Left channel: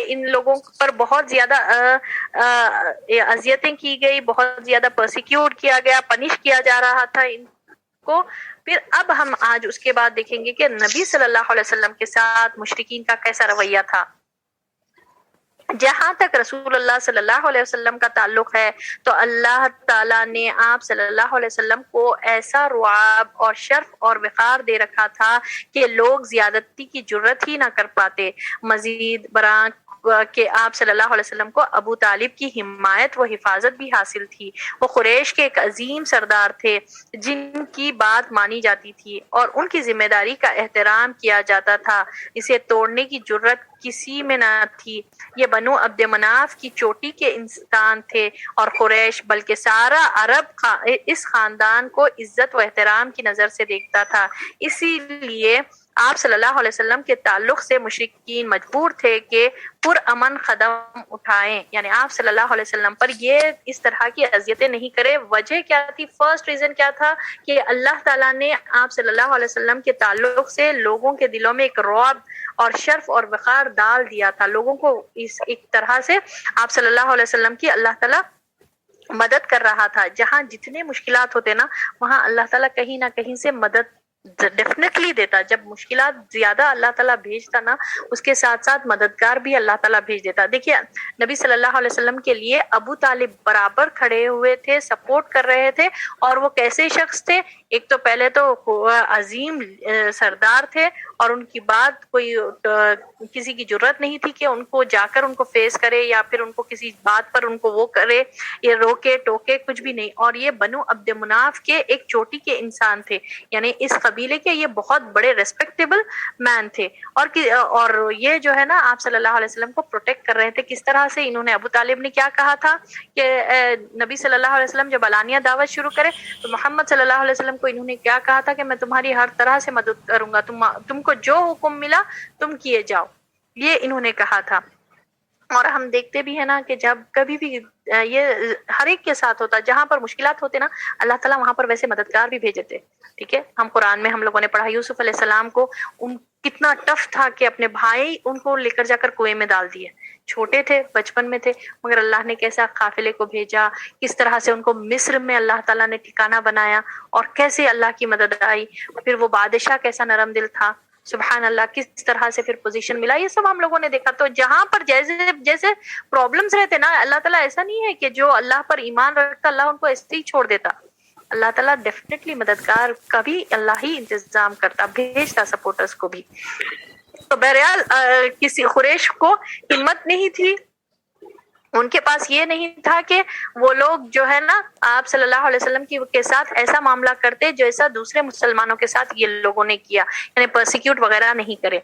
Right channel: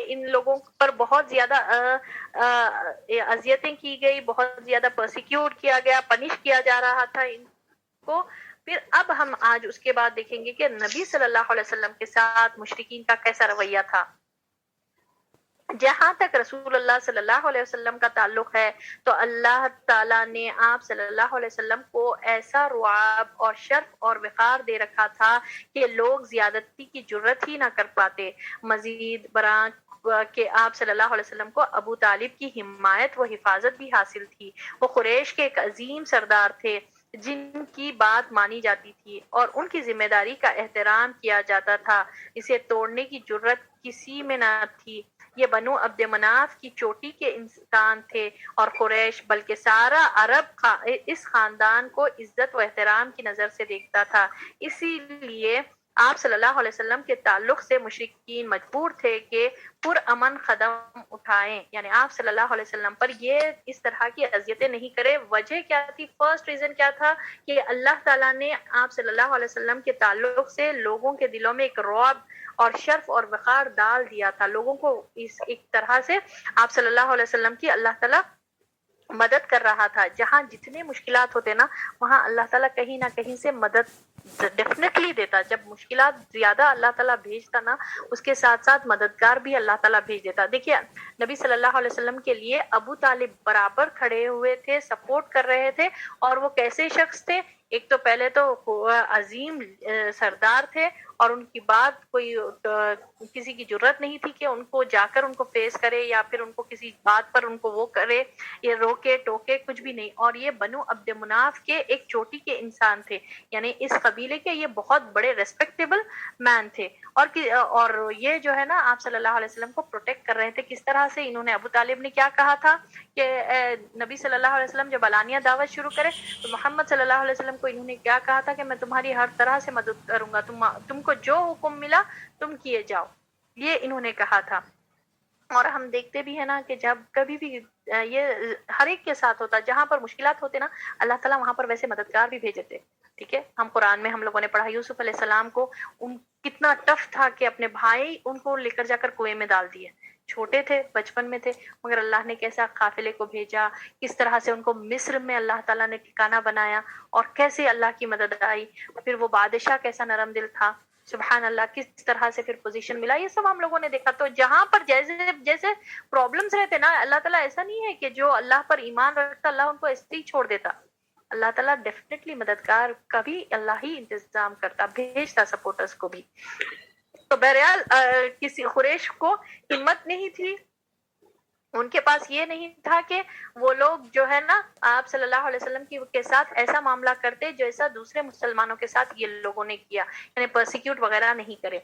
ان لوگوں پر بہت زیادہ اذیتیں کی گئی، بہت زیادہ پرسیکیوٹ کیا گیا، پنش کیا جا رہا تھا ان کو. پھر اب ہم آج اس کے بعد دیکھیں گے کہ نبی صلی اللہ علیہ وسلم کے ساتھ مشرکین کا کیسا رویہ تھا. جہاں تک رسول اللہ صلی اللہ علیہ وسلم کا تعلق ہے تو اللہ تعالیٰ نے آپ صلی اللہ علیہ وسلم کو ایسا رعب اور شرف اور وقار دے رکھا تھا کہ لوگ زیادتی کی جرت ہی نہ کر پاتے. مزید برآں کہ آپ صلی اللہ علیہ وسلم کو ابو طالب کی حمایت و حفاظت بھی حاصل تھی. وہ قریش کے ایک عظیم سردار تھے جن کی بات مانی جاتی تھی اور ان کی ذمہ داری کا احترام کیا جاتا تھا. اسے توڑنے کی جرت کسی میں نہ تھی. یہ بنو عبد مناف کی چوٹی کے انسان تھے اور قریش بلکہ سارا عرب اس خاندان کو عزت و احترام کی نظر سے دیکھتا تھا. اسی لیے آپ صلی اللہ علیہ وسلم کے تعلق سے مشرکین مجبور تھے کہ پرامن قدم اٹھائیں، یعنی آپ صلی اللہ علیہ وسلم پر یہ اس طرح کی اذیتیں نہیں کرے. وجہ کیا تھی؟ فرسٹ ریزن کیا تھا کہ اللہ تعالیٰ نے آپ صلی اللہ علیہ وسلم کے تعلق سے لوگوں کے دلوں میں ایک رعب اور شرف اور وقار ڈال دیا تھا. لوگوں کو اس ایک طرح سے آپ صلی اللہ علیہ وسلم کی اللہ تعالیٰ مدد کر رہا تھا. جہاں جتنے مشکلات ہوتے نا وہاں اللہ تعالیٰ کہیں نہ کہیں سے مدد ڈیفینیٹلی دیتا. جب مشکلات زیادہ اللہ تعالیٰ بھیجتا نا اس کے ساتھ ساتھ مددگار بھی اللہ تعالیٰ بھیج دیتا. دیکھیے نبی صلی اللہ علیہ وسلم کے لیے ابو طالب برابر کھڑے ہوئے تھے، سپورٹ کر رہے تھے. اور وہ کیسے شخص تھے؟ ایک تو پہلے تو عظیم سردار تھے اور ان کی بات کوئی کسی کی جرت نہیں تھی کہ ان کو جا کر ان کو فیس کرے یا پھر ان کو کسی بات پر ان کو وہ کرے، یہ روکے ٹوکے کچھ بھی نہیں. اور یہ بنو عبد مناف کے ایک چوٹی کے انسان تھے، یعنی اس قبیلے کے یہ بہت بڑے ریسپیکٹیبل مین تھے. اور یہ جو ہے نا آپ صلی اللہ علیہ وسلم کو پروٹیکٹ کر رہے تھے. کس طرح سے انہوں نے ابو طالب نے کیا کہا تھا کہ نبی صلی اللہ علیہ وسلم جب علانیہ دعوت شروع کرے تو محمد صلی اللہ علیہ وسلم کو انہوں نے کیا کہا تھا کہ میں تمہاری ہر طرح سے مدد کروں گا، تم کو جو حکم ملا تم کیے جاؤ، یہ انہوں نے کہا تھا. اور ہم دیکھتے بھی ہیں نا کہ جب کبھی بھی یہ ہر ایک کے ساتھ ہوتا، جہاں پر مشکلات ہوتے نا اللہ تعالیٰ وہاں پر ویسے مددگار بھی بھیجتے. ٹھیک ہے، ہم قرآن میں ہم لوگوں نے پڑھا یوسف علیہ السلام کو کتنا ٹف تھا کہ اپنے بھائی ان کو لے کر جا کر کنویں میں ڈال دیے. چھوٹے تھے، بچپن میں تھے، مگر اللہ نے کیسا قافلے کو بھیجا، کس طرح سے ان کو مصر میں اللہ تعالیٰ نے ٹھکانہ بنایا اور کیسے اللہ کی مدد آئی. پھر وہ بادشاہ کیسا نرم دل تھا، سبحان اللہ، کس طرح سے پھر پوزیشن ملا، یہ سب ہم لوگوں نے دیکھا. تو جہاں پر جیسے جیسے پرابلمز رہتے نا اللہ تعالیٰ ایسا نہیں ہے کہ جو اللہ پر ایمان رکھتا اللہ ان کو ایسے ہی چھوڑ دیتا. اللہ تعالیٰ ڈیفینیٹلی مددگار کا بھی اللہ ہی انتظام کرتا، بھیجتا سپورٹرز کو بھی. تو بہرحال کسی قریش کو ہمت نہیں تھی، ان کے پاس یہ نہیں تھا کہ وہ لوگ جو ہے نا آپ صلی اللہ علیہ وسلم کے ساتھ ایسا معاملہ کرتے جیسا دوسرے مسلمانوں کے ساتھ یہ لوگوں نے کیا، یعنی پرسیکیوٹ وغیرہ نہیں کرے.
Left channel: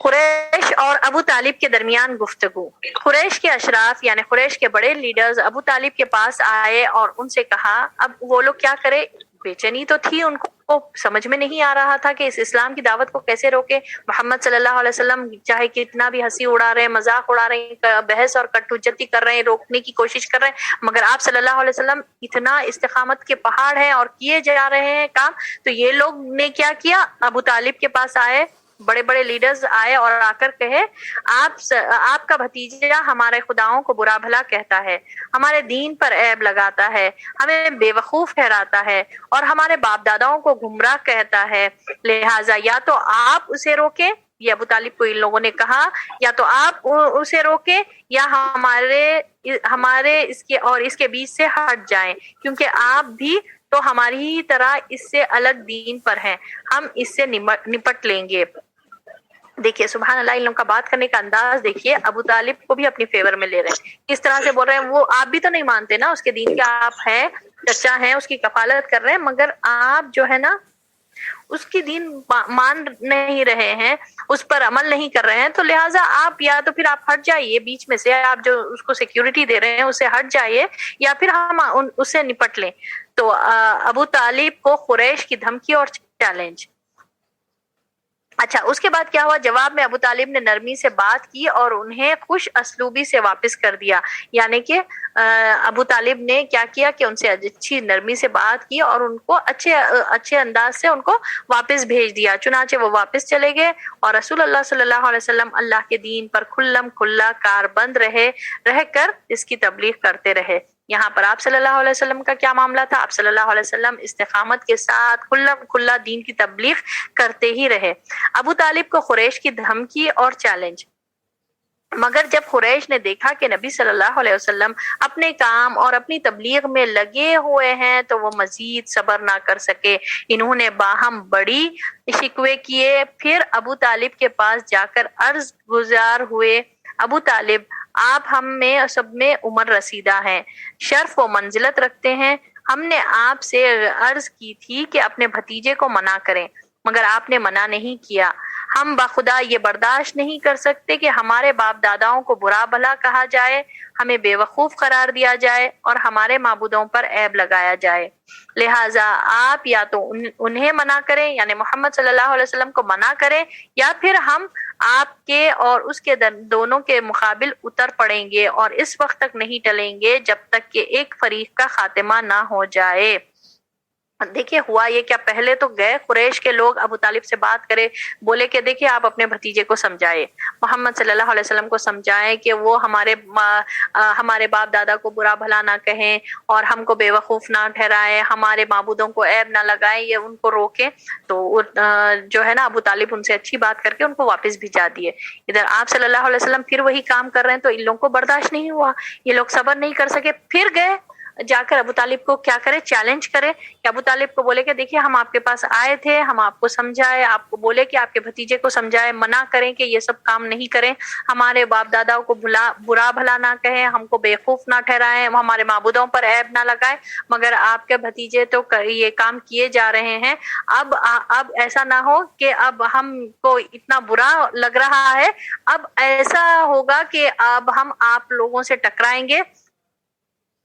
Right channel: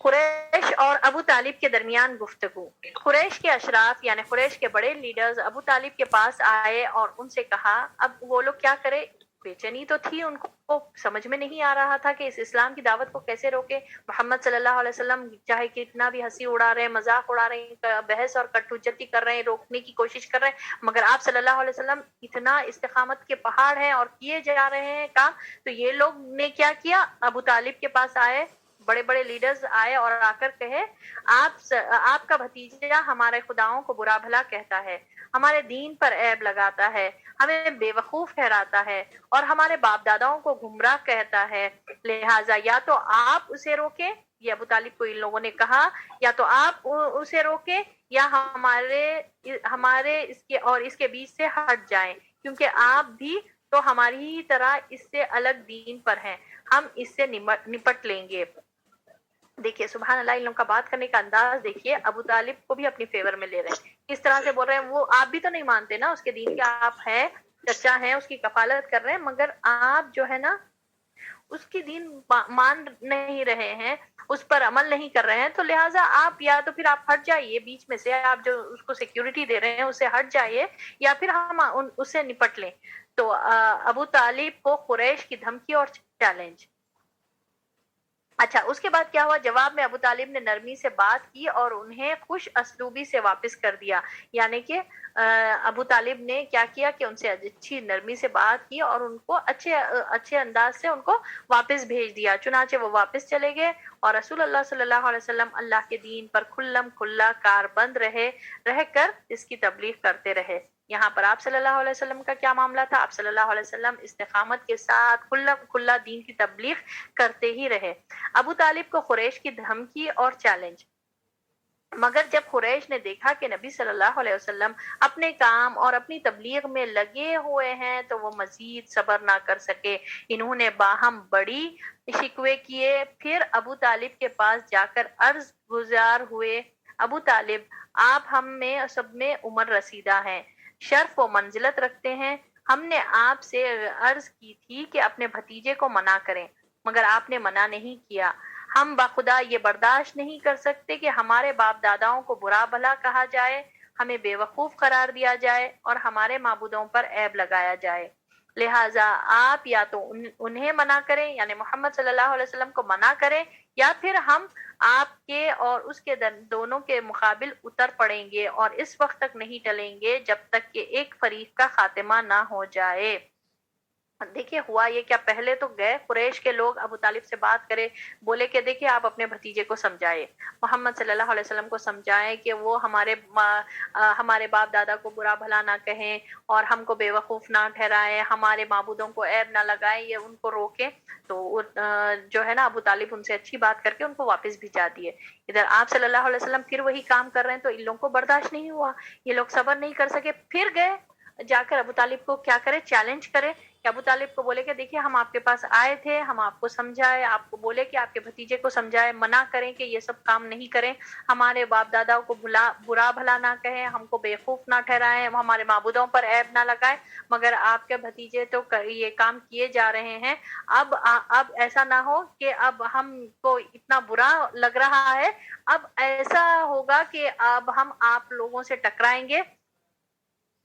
قریش اور ابو طالب کے درمیان گفتگو. قریش کے اشراف یعنی قریش کے بڑے لیڈرز ابو طالب کے پاس آئے اور ان سے کہا، اب وہ لوگ کیا کرے، بے چینی تو تھی ان کو، سمجھ میں نہیں آ رہا تھا کہ اس اسلام کی دعوت کو کیسے روکے. محمد صلی اللہ علیہ وسلم چاہے کتنا بھی ہنسی اڑا رہے ہیں، مذاق اڑا رہے ہیں، بحث اور کٹ حجتی کر رہے ہیں، روکنے کی کوشش کر رہے ہیں، مگر آپ صلی اللہ علیہ وسلم اتنا استقامت کے پہاڑ ہیں اور کیے جا رہے ہیں کام. تو یہ لوگ نے کیا کیا، ابو طالب کے پاس آئے، بڑے بڑے لیڈرز آئے اور آ کر کہے، آپ کا بھتیجا ہمارے خداؤں کو برا بھلا کہتا ہے، ہمارے دین پر عیب لگاتا ہے، ہمیں بے وقوف ٹھہراتا ہے اور ہمارے باپ داداؤں کو گمراہ کہتا ہے. لہٰذا یا تو آپ اسے روکیں، یہ ابو طالب کو ان لوگوں نے کہا، یا تو آپ اسے روکیں یا ہمارے اس کے بیچ سے ہٹ جائیں، کیونکہ آپ بھی تو ہماری ہی طرح اس سے الگ دین پر ہیں، ہم اس سے نپٹ لیں گے. دیکھیے سبحان اللہ، ان لوگوں کا بات کرنے کا انداز دیکھیے، ابو طالب کو بھی اپنی فیور میں لے رہے ہیں، کس طرح سے بول رہے ہیں. وہ آپ بھی تو نہیں مانتے نا اس کے دین کے، آپ ہیں چچا ہیں، اس کی کفالت کر رہے ہیں، مگر آپ جو ہے نا اس کی دین مان نہیں رہے ہیں، اس پر عمل نہیں کر رہے ہیں. تو لہٰذا آپ یا تو پھر آپ ہٹ جائیے بیچ میں سے، آپ جو اس کو سیکیورٹی دے رہے ہیں اسے ہٹ جائیے، یا پھر ہم اس سے نپٹ لیں. تو ابو طالب کو قریش کی دھمکی اور چیلنج. اچھا اس کے بعد کیا ہوا؟ جواب میں ابو طالب نے نرمی سے بات کی اور انہیں خوش اسلوبی سے واپس کر دیا، یعنی کہ ابو طالب نے کیا کیا کہ ان سے اچھی نرمی سے بات کی اور ان کو اچھے انداز سے ان کو واپس بھیج دیا۔ چنانچہ وہ واپس چلے گئے اور رسول اللہ صلی اللہ علیہ وسلم اللہ کے دین پر کھلم کھلا کاربند رہ کر اس کی تبلیغ کرتے رہے۔ یہاں پر آپ صلی اللہ علیہ وسلم کا کیا معاملہ تھا؟ آپ صلی اللہ علیہ وسلم استقامت کے ساتھ کھلا دین کی تبلیغ کرتے ہی رہے۔ ابو طالب کو قریش کی دھمکی اور چیلنج، مگر جب قریش نے دیکھا کہ نبی صلی اللہ علیہ وسلم اپنے کام اور اپنی تبلیغ میں لگے ہوئے ہیں تو وہ مزید صبر نہ کر سکے۔ انہوں نے باہم بڑی شکوے کیے، پھر ابو طالب کے پاس جا کر عرض گزار ہوئے، ابو طالب آپ ہم میں سب میں عمر رسیدہ ہیں، شرف و منزلت رکھتے ہیں، ہم نے آپ سے عرض کی تھی کہ اپنے بھتیجے کو منع کریں مگر آپ نے منع نہیں کیا۔ ہم بخدا یہ برداشت نہیں کر سکتے کہ ہمارے باپ داداؤں کو برا بھلا کہا جائے، ہمیں بے وقوف قرار دیا جائے اور ہمارے معبودوں پر عیب لگایا جائے، لہٰذا آپ یا تو انہیں منع کریں یعنی محمد صلی اللہ علیہ وسلم کو منع کریں، یا پھر ہم آپ کے اور اس کے دونوں کے مقابل اتر پڑیں گے اور اس وقت تک نہیں ٹلیں گے جب تک کہ ایک فریق کا خاتمہ نہ ہو جائے۔ دیکھیے ہوا یہ کیا، پہلے تو گئے قریش کے لوگ ابو طالب سے بات کرے، بولے کہ دیکھیے آپ اپنے بھتیجے کو سمجھائے، محمد صلی اللہ علیہ وسلم کو سمجھائیں کہ وہ ہمارے باپ دادا کو برا بھلا نہ کہیں اور ہم کو بے وقوف نہ ٹھہرائیں، ہمارے معبودوں کو عیب نہ لگائیں، یہ ان کو روکیں۔ تو جو ہے نا ابو طالب ان سے اچھی بات کر کے ان کو واپس بھیجا دیے۔ ادھر آپ صلی اللہ علیہ وسلم پھر وہی کام کر رہے ہیں تو ان لوگوں کو برداشت نہیں ہوا، یہ لوگ صبر نہیں کر سکے، پھر گئے جا کر ابو طالب کو کیا کرے، چیلنج کرے کہ ابو طالب کو بولے کہ دیکھیے ہم آپ کے پاس آئے تھے، ہم آپ کو سمجھائے، آپ کو بولے کہ آپ کے بھتیجے کو سمجھائے، منع کریں کہ یہ سب کام نہیں کریں، ہمارے باپ داداؤں کو برا بھلا نہ کہیں، ہم کو بیوقوف نہ ٹھہرائیں، ہمارے معبودوں پر عیب نہ لگائیں، مگر آپ کے بھتیجے تو یہ کام کیے جا رہے ہیں۔ اب ایسا نہ ہو کہ اب ہم کو اتنا برا لگ رہا ہے، اب ایسا ہوگا کہ اب ہم آپ لوگوں سے ٹکرائیں گے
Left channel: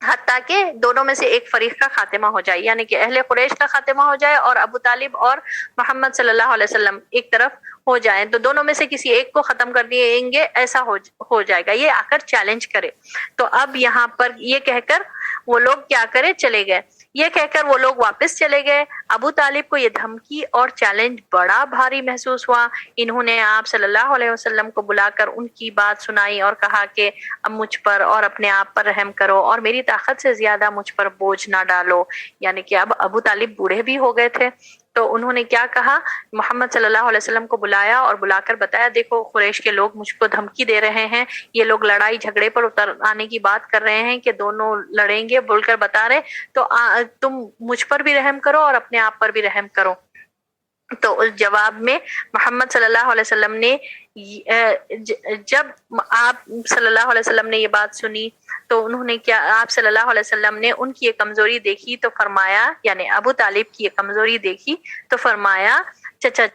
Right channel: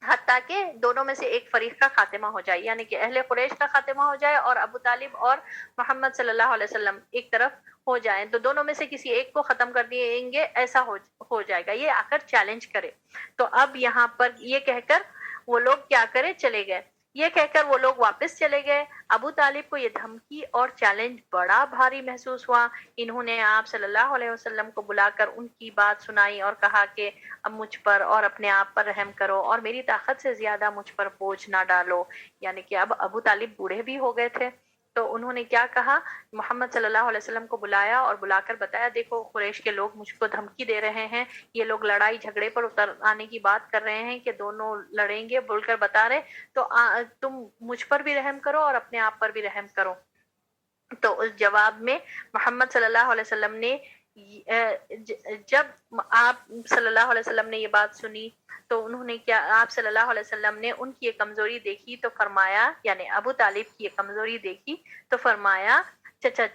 حتیٰ کہ دونوں میں سے ایک فریق کا خاتمہ ہو جائے، یعنی کہ اہل قریش کا خاتمہ ہو جائے اور ابو طالب اور محمد صلی اللہ علیہ وسلم ایک طرف ہو جائیں، تو دونوں میں سے کسی ایک کو ختم کر دیں گے، ایسا ہو جائے گا، یہ آ کر چیلنج کرے۔ تو اب یہاں پر یہ کہہ کر وہ لوگ کیا کرے، چلے گئے، یہ کہہ کر وہ لوگ واپس چلے گئے۔ ابو طالب کو یہ دھمکی اور چیلنج بڑا بھاری محسوس ہوا۔ انہوں نے آپ صلی اللہ علیہ وسلم کو بلا کر ان کی بات سنائی اور کہا کہ اب مجھ پر اور اپنے آپ پر رحم کرو اور میری طاقت سے زیادہ مجھ پر بوجھ نہ ڈالو، یعنی کہ اب ابو طالب بوڑھے بھی ہو گئے تھے۔ تو انہوں نے کیا کہا، محمد صلی اللہ علیہ وسلم کو بلایا اور بلا کر بتایا دیکھو قریش کے لوگ مجھ کو دھمکی دے رہے ہیں، یہ لوگ لڑائی جھگڑے پر اتر آنے کی بات کر رہے ہیں کہ دونوں لڑیں گے بول کر بتا رہے، تو تم مجھ پر بھی رحم کرو اور اپنے آپ پر بھی رحم کرو۔ تو اس جواب میں محمد صلی اللہ علیہ وسلم نے جب آپ صلی اللہ علیہ وسلم نے یہ بات سنی تو انہوں نے کیا، آپ صلی اللہ علیہ وسلم نے ان کی یہ کمزوری دیکھی تو فرمایا، یعنی ابو طالب کی یہ کمزوری دیکھی تو فرمایا چچا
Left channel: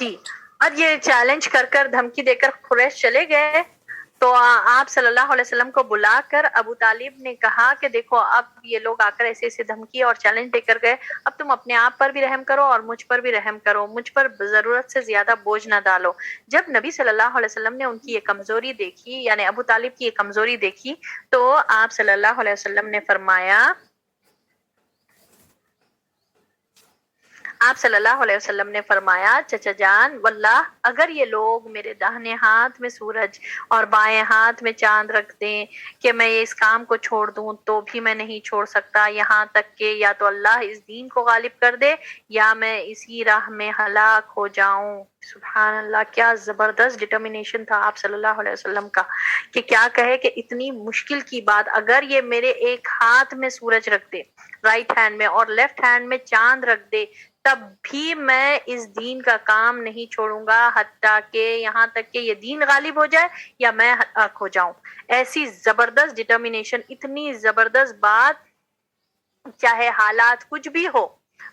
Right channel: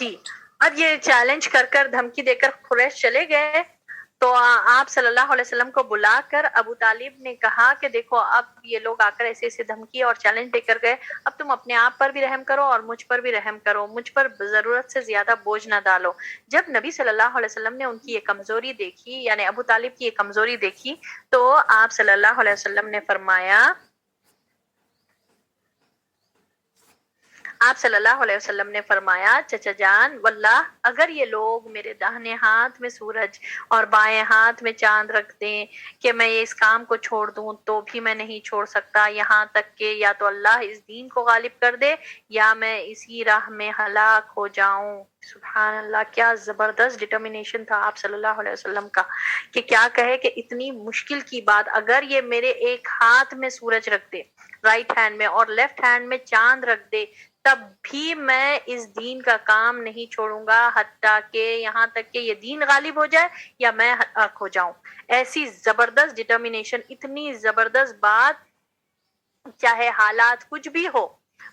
جی اب یہ چیلنج کر کر دھمکی دے کر قریش چلے گئے تو آپ صلی اللہ علیہ وسلم کو بلا کر ابو طالب نے کہا کہ دیکھو اب یہ لوگ آ کر ایسے ایسے دھمکی اور چیلنج دے کر گئے، اب تم اپنے آپ پر بھی رحم کرو اور مجھ پر بھی رحم کرو، مجھ پر ضرورت سے زیادہ بوجھ نہ ڈالو۔ جب نبی صلی اللہ علیہ وسلم نے ان کی یہ کمزوری دیکھی، یعنی ابو طالب کی یہ کمزوری دیکھی، تو آپ صلی اللہ علیہ وسلم نے فرمایا، آپ صلی اللہ علیہ وسلم نے فرمایا، چچا جان واللہ اگر یہ لوگ میرے داہنے ہاتھ میں سورج اور بائیں ہاتھ میں چاند رکھ دیں کہ میں اس کام کو چھوڑ دوں تو بھی میں نہیں چھوڑ سکتا، یہاں تک کہ یا تو اللہ اس دین کو غالب کر دے یا میں اسی راہ میں ہلاک ہو جاؤں۔ سبحان اللہ، کیا زبردست ڈٹرمینیشن تھا آپ صلی اللہ علیہ وسلم کا، کہ کیا کہے کہ اتنی مشکل کی بات اگر یہ میرے ایک ہاتھ میں سورج رکھ دے رائٹ ہینڈ میں اور لیفٹ ہینڈ میں چاند رکھ دے تب بھی میں اس دین کا کام نہیں چھوڑوں گا حتیٰ کہ یہاں تک کہ یہ دین غالب ہو جائے یا میں ہلاک ہو جاؤں۔ ایسی زبردست ڈٹرمینیشن، اتنی زبردست بات، چاہے حالات کچھ بھی ہو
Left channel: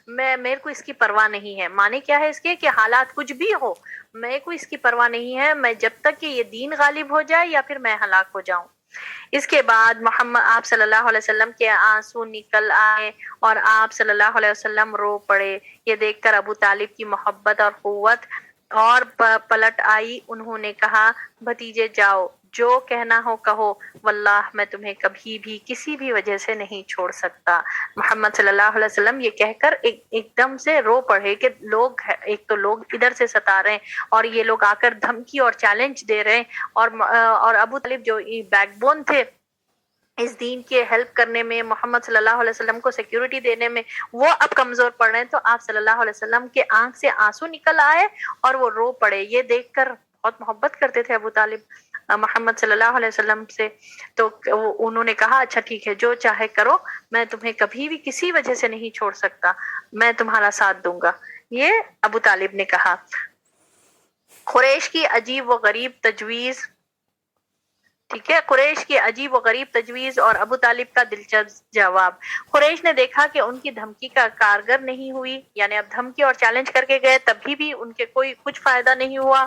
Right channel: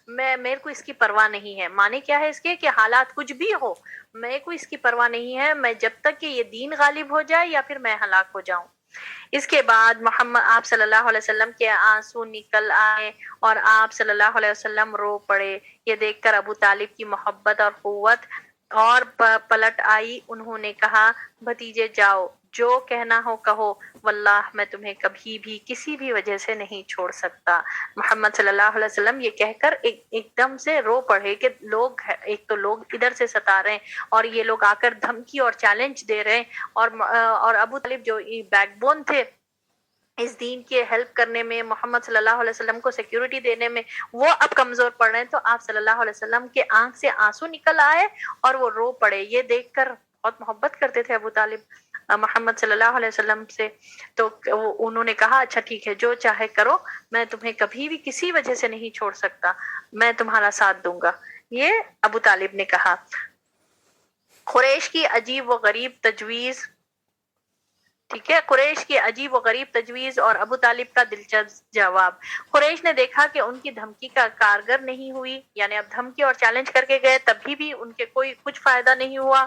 میرے کو اس کی پرواہ نہیں ہے۔ معنی کیا ہے اس کے کہ حالات کچھ بھی ہو میرے کو اس کی پرواہ نہیں ہے، میں جب تک کہ یہ دین غالب ہو جائے یا پھر میں ہلاک ہو جاؤں۔ اس کے بعد محمد آپ صلی اللہ علیہ وسلم کے آنسو نکل آئے اور آپ صلی اللہ علیہ وسلم رو پڑے۔ یہ دیکھ کر ابو طالب کی محبت اور قوت اور پلٹ آئی۔ انہوں نے کہا، بھتیجے جاؤ، جو کہنا ہو کہو، واللہ میں تمہیں کبھی بھی کسی بھی وجہ سے نہیں چھوڑ سکتا۔ محمد صلی اللہ علیہ وسلم یہ کہہ کر ایک دم سے رو پڑے کہ لوگ، ایک تو لوگ ادھر سے ستا رہے ہیں اور یہ لوگ آ کر دھمکی اور چیلنج دے رہے ہیں، اور ابو طالب جو بیک بون تھے اس دین کی ہیلپ کرنے میں، محمد صلی اللہ علیہ وسلم کو سیکیورٹی دینے میں، وہ اب کمزور پڑ رہے ہیں۔ تو آپ صلی اللہ علیہ وسلم کے آنکھ سے آنسو نکل آئے اور وہ رو پڑے۔ یہ دیکھ کر بہت محبت کرتے تھے ابو طالب محمد صلی اللہ علیہ وسلم سے، تو انہوں نے کہا، اچھا ٹھیک ہے، جو چاہے کرو، میں تمہیں کبھی بھی کسی وجہ سے نہیں چھوڑ سکتا، میں تمہارا ساتھ دوں گا۔ یہ ابو طالب نے کہا۔ قریش کی عجیب و غریب تجویز، ٹھیک ہے، قریش کی عجیب و غریب تجویز اور ابو طالب کا دلچسپ جواب۔ قریش نے دیکھا کہ ان کی دھمکی کا کارگر نہیں ہوئی، یعنی اب دھمکی اور چیلنج کر کے گئے تبھی بھی ان کے کوئی کچھ فائدہ نہیں ہوا،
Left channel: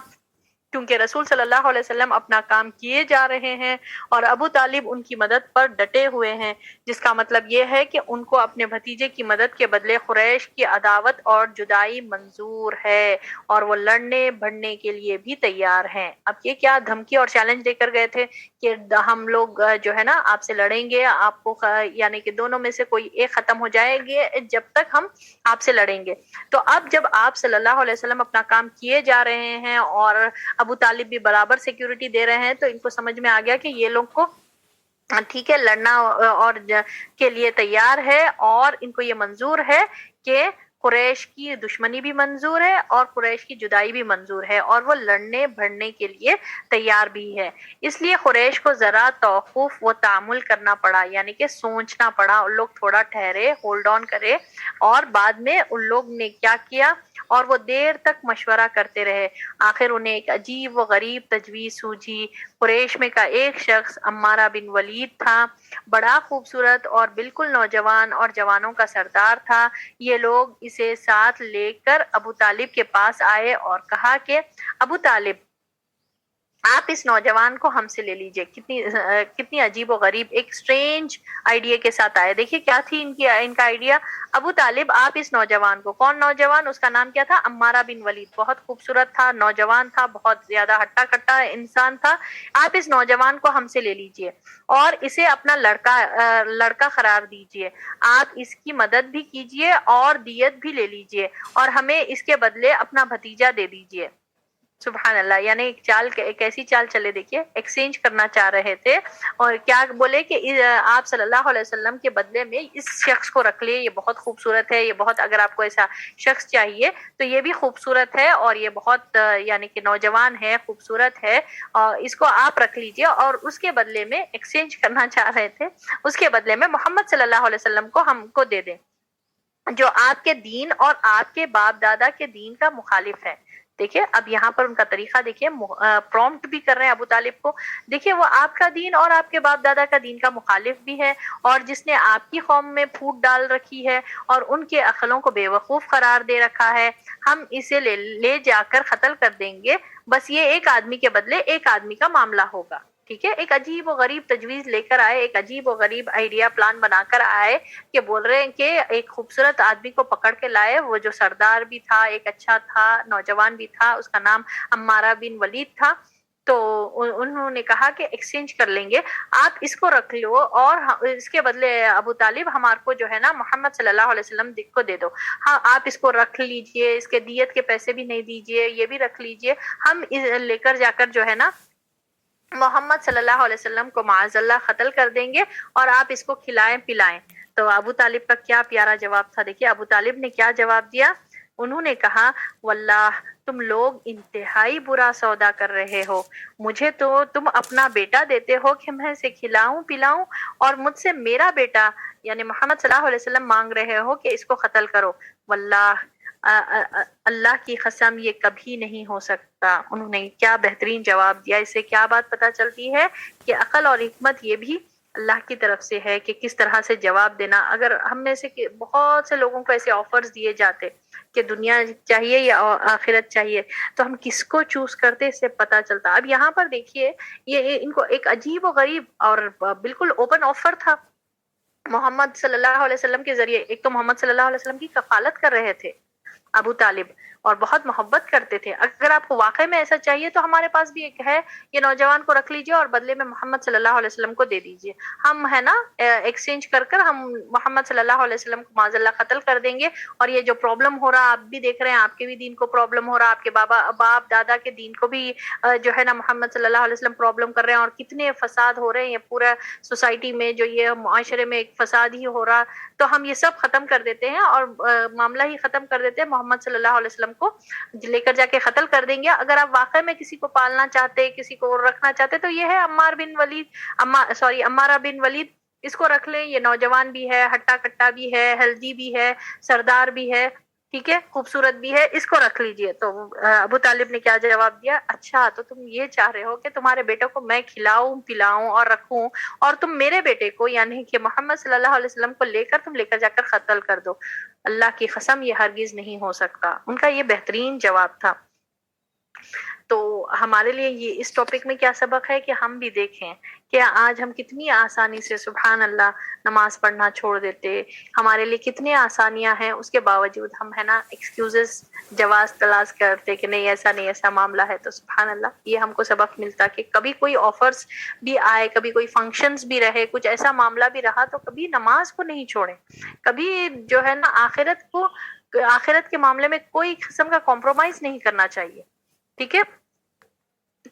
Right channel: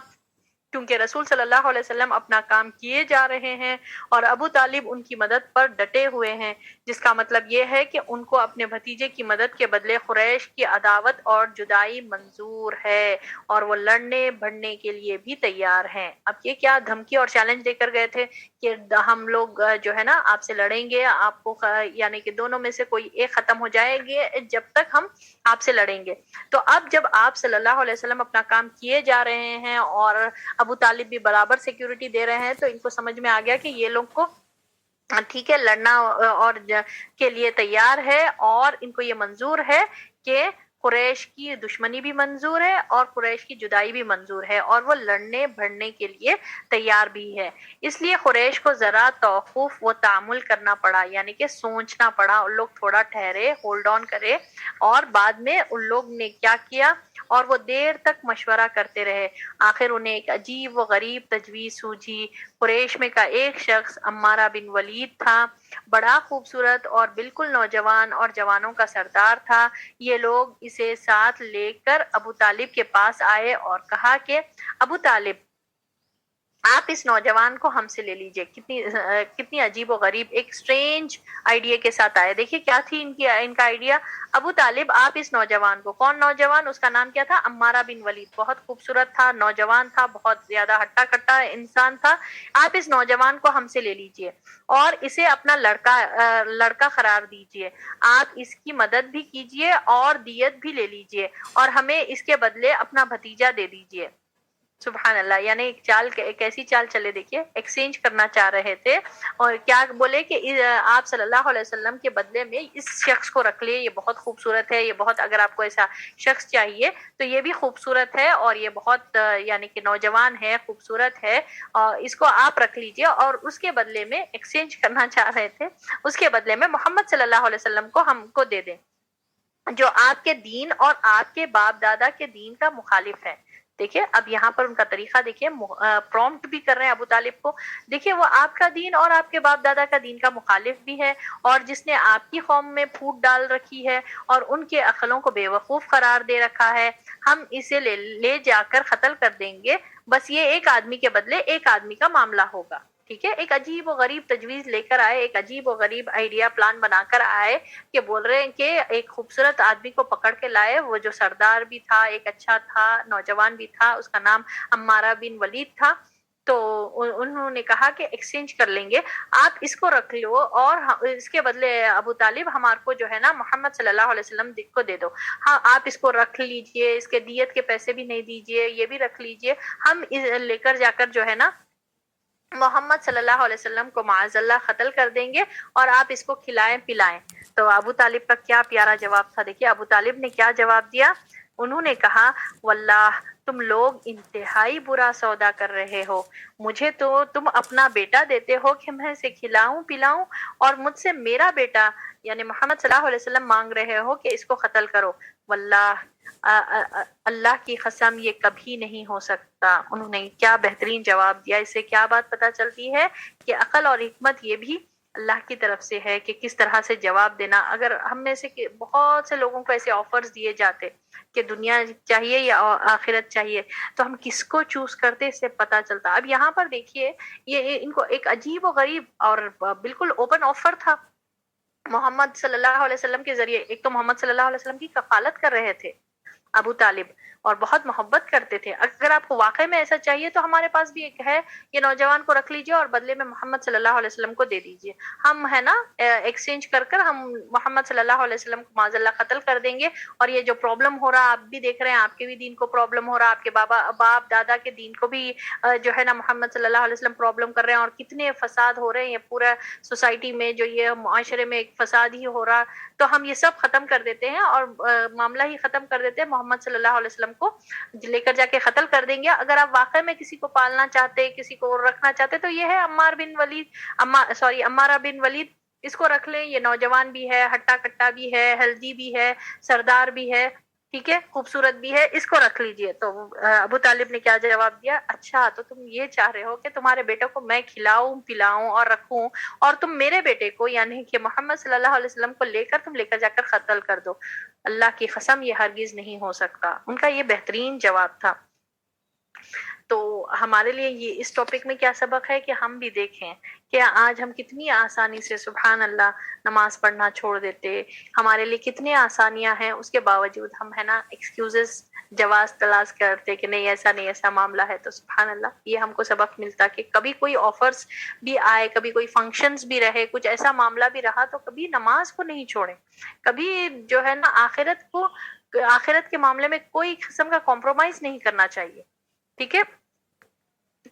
کیونکہ رسول صلی اللہ علیہ وسلم اپنا کام کیے جا رہے ہیں اور ابو طالب ان کی مدد پر ڈٹے ہوئے ہیں، جس کا مطلب یہ ہے کہ ان کو اپنے بھتیجے کی مدد کے بدلے قریش کی عداوت اور جدائی منظور ہے اور وہ لڑنے بھڑنے کے لیے بھی تیار ہیں۔ اب یہ کیا دھمکی اور چیلنج دے کر گئے تھے کہ ہم لوگ جو ہے نا آپ سے لڑیں گے، آپ کو یعنی کہ دونوں میں سے کوئی ایک ختم ہو جائے گے جب تک ہم آپ سے لڑیں گے۔ تو اب جب آپ صلی اللہ علیہ وسلم اپنا کام کیے جا رہے ہیں اور ابو طالب بھی برابر سیکیورٹی دے رہے ہیں، تو ان کو سمجھ میں آ گیا کہ یہ لوگ کو ٹھیک ہے لڑنا اور کے لیے تیار ہے، اور ان کو یہ منظور ہے کہ قریش کی دشمنی بھی منظور ہے اور قریش کی جدائی بھی منظور ہے، اور وہ لڑنے بھڑنے کے لیے تیار بھی ہے۔ اس لیے قریش کو ذرا توقف و تامل کرنا پڑا، یعنی کہ سوچنا پڑا، ان لوگ تھوڑا ٹھہرے، ہولڈ آن کرے، اور بعد میں ان لوگ نے کیا کیا، اور وہ دیر تک مشورہ کرتے رہے۔ آخر انہیں ایک عجیب و غریب تجویز سوجھی۔ قریش میں کا ایک شخص عمارہ بن ولید تھا، بڑا خوبصورت اور بالکل نوجوان اور جوانوں کا سردار تھا۔ یہ لوگ اسے ساتھ لے کر ابو طالب کے پاس آئے اور کہا کہ ابو طالب، آپ اس نوجوان کو ہم سے لے لیجئے۔ کتنی عجیب و غریب، ایک سٹرینج آئیڈیا کے ساتھ آئے۔ دیکھیے کیا تھی ان کا آئیڈیا، ابو طالب آپ اس نوجوان کو، کون نوجوان، اس کا نام کیا تھا، عمارہ بن ولید، بہت خوبصورت تھا، نوجوان تھا، بہت زیادہ ہٹا کٹا انسان تھا، آپ اس نوجوان کو ہم سے لے لیجئے اور اسے اپنا لڑکا قرار دیجئے، آپ اس کی مدد بھی کیجئے اور دیت بھی لے لیجئے اور ہمیں اس کے بدلے اپنا بھتیجا دے دیجئے۔ سبحان اللہ، یعنی ایک چال، ایک ایسی چال چلے، دیکھیے ایکسچینج کرنا چاہ رہے تھے، اور کیا بولے کہ آپ صلی اللہ علیہ وسلم کے بدلے میں اس شخص کو رکھ لیے، یہ بہت خوبصورت ہے، یہ بہت، اگر آپ کو ایسا شخص چاہیے تو یہ بھی خوبصورت ہے اور یہ بہت یعنی کہ نوجوان ہے، خوبصورت ہے، اور اس کو آپ رکھ لیجئے، اور اس کے بدلے میں ایکسچینج کرنا چاہ رہے تھے، اس کے بدلے میں محمد صلی اللہ علیہ وسلم کو ہم کو دے دیں جو آپ کے دین اور آپ کے باپ دادا کے دین کا مخالف ہے۔ دیکھیے اب یہاں پر ان کا طریقہ دیکھیے، پرومپٹ بھی کر رہے ہیں ابو طالب کو. دیکھیے وہ آپ کا دین اور آپ کے باپ دادا کا دین کا مخالف بھی ہے، اور جس نے آپ کی قوم میں پھوٹ ڈال رکھی ہے اور ان کے عقلوں کو بے وقوف قرار دے رکھا ہے، ہم اسے لے جا کر قتل کر دیں گے، بس یہ ایک آدمی کے بدلے ایک آدمی کا معاملہ ہوگا. ٹھیک ہے، ایک عجیب و غریب تجویز لے کر آئے، ایک عجیب و غریب آئیڈیا پلان بنا کر آئے کہ بول رہے ہیں کہ ایک خوبصورت آدمی کو پکڑ کے لائے، وہ جو سردار بھی تھا، ایک اچھا تھا، نوجوان بھی تھا، اس کا نام عمارہ بن ولید تھا. تو انہوں نے کہا کہ ایکسچینج کر لیں گے، آپ اس کو رکھ لو اور اس کے بدلے ابو طالب ہمارے کو جو ہے نا محمد صلی اللہ علیہ وسلم کو دے دو. ہاں آپ اس کو رکھ لیجئے، اس کے دیت کے پیسے بھی نہیں دیجئے، یہ بھی رکھ لیجئے، ہم لے کر جا کر جو ہے نا محمد صلی اللہ علیہ وسلم کو معاذ اللہ قتل کر دیں گے اور آپ اس کو کھلائیں پلائیں. تو ابو طالب کا کیا پیارا جواب تھا. دیکھیے ابو طالب نے کیا جواب دیا. انہوں نے کہا واللہ تم لوگ انتہائی برا سودا کر رہے ہو، مجھے تو تم اپنا بیٹا دیتے ہو کہ میں اسے کھلاؤں پلاؤں، اور مجھ سے میرا بیٹا یعنی محمد صلی اللہ علیہ وسلم مانگ رہے ہو کہ اس کو قتل کرو. واللہ اللہ کی قسم یہ کبھی نہیں ہو سکتا. انہوں نے کیا بہترین جواب دیا. اس سے کیا بات پتہ چلتی ہے کہ عقل اور حکمت یہ بھی اللہ کی طرف سے ہے کہ کس طرح سے جواب دینا. اگر ہم میں سے بہت سے لوگوں کو ایسے آفرز دیے جاتے کہ دنیا چاہیے یا آخرت چاہیے، تو ہم کس کو چوز کرتے اس سے پتہ چلتا. اب یہاں پر دیکھیے یہ ان کو ایک عجیب و غریب اور بالکل اوپن آفر تھا محمد صلی اللہ علیہ وسلم کے ذریعے. ایک تو محمد صلی اللہ علیہ وسلم کی کفالت کر رہے تھے ابو طالب اور بہت محبت کرتے تھے. اگر آپ کو واقعی میں ایسا چاہیے تو ہمارے پاس بھی ایک ہے، یہ نوجوان کو رکھ لیجئے اور بدلے میں محمد صلی اللہ علیہ وسلم کو دے دیجئے، ہم ہے نا ایکسچینج کر کر ہم محمد صلی اللہ علیہ وسلم کو معاذ اللہ قتل کر دیں گے. اور یہ جو پرابلم ہو رہا آپ بھی دیکھ رہے ہیں، آپ کے بھی دین کو پرابلم ہو رہا، آپ کے باپ دادا کے دین کو بھی جو ہے نا محمد صلی اللہ علیہ وسلم پرابلم کر رہے ہیں، اور کتنے فساد ہو رہے ہیں یہ پورا سوسائٹی میں، جو یہ معاشرے میں ایک فساد ہی ہو رہا. تو ہم یہ سب ختم کر دیتے ہیں اور معاملہ ہی ختم کر دیتے ہیں، محمد صلی اللہ علیہ وسلم کو لے کر جا کے قتل کر دیں گے. اگر آپ واقعی میں کسی کو پالنا چاہتے، کسی کو رکھنا چاہتے، تو یہ ہے عمارہ بن ولید، اس کو رکھ لیں. یہ نوجوان بھی ہے، ہٹا کٹا بھی ہے، ہیلدی بھی ہے، سردار بھی ہے، ٹھیک ہے، خوبصورت بھی ہے، اس کو رکھ لیجئے. تو ابو طالب نے کیا جواب دیا، اچھا تو تم یہ چاہ رہے ہو کہ تمہارے بیٹے کو میں کھلاؤں پلاؤں اور رکھوں، اور تم میرے بیٹے کو یعنی کہ محمد صلی اللہ علیہ وسلم کو لے کر جا کر قتل کر دو. اللہ کی قسم یہ ہرگز نہیں ہو سکتا. ان کا یہ بہترین جواب تھا. تو ہمارے لیے یہ اس ٹاپک میں کیا سبق ہے کہ ہم بھی دیکھیں کہ آج ہم کتنی آسانی سے سبحان اللہ نماز پڑھنا چھوڑ دیتے. ہمارے لیے کتنی آسانیاں ہیں، اس کے باوجود ہم ہے نا ایکسکیوزز جواز تلاش کرتے کہ نہیں ایسا نہیں، ایسا معاملہ ہے. تو سبحان اللہ یہ ہم کو سبق ملتا کہ کبھی کوئی آفرز بھی آئے، کبھی کوئی فنکشنز بھی رہے، کچھ ایسا معاملہ بھی رہا، تو کبھی نماز کو نہیں چھوڑیں. کبھی جو ہے نا آخرت کے معاملے میں کوئی قسم کا کمپرومائز نہیں کرنا چاہیے. ٹھیک ہے،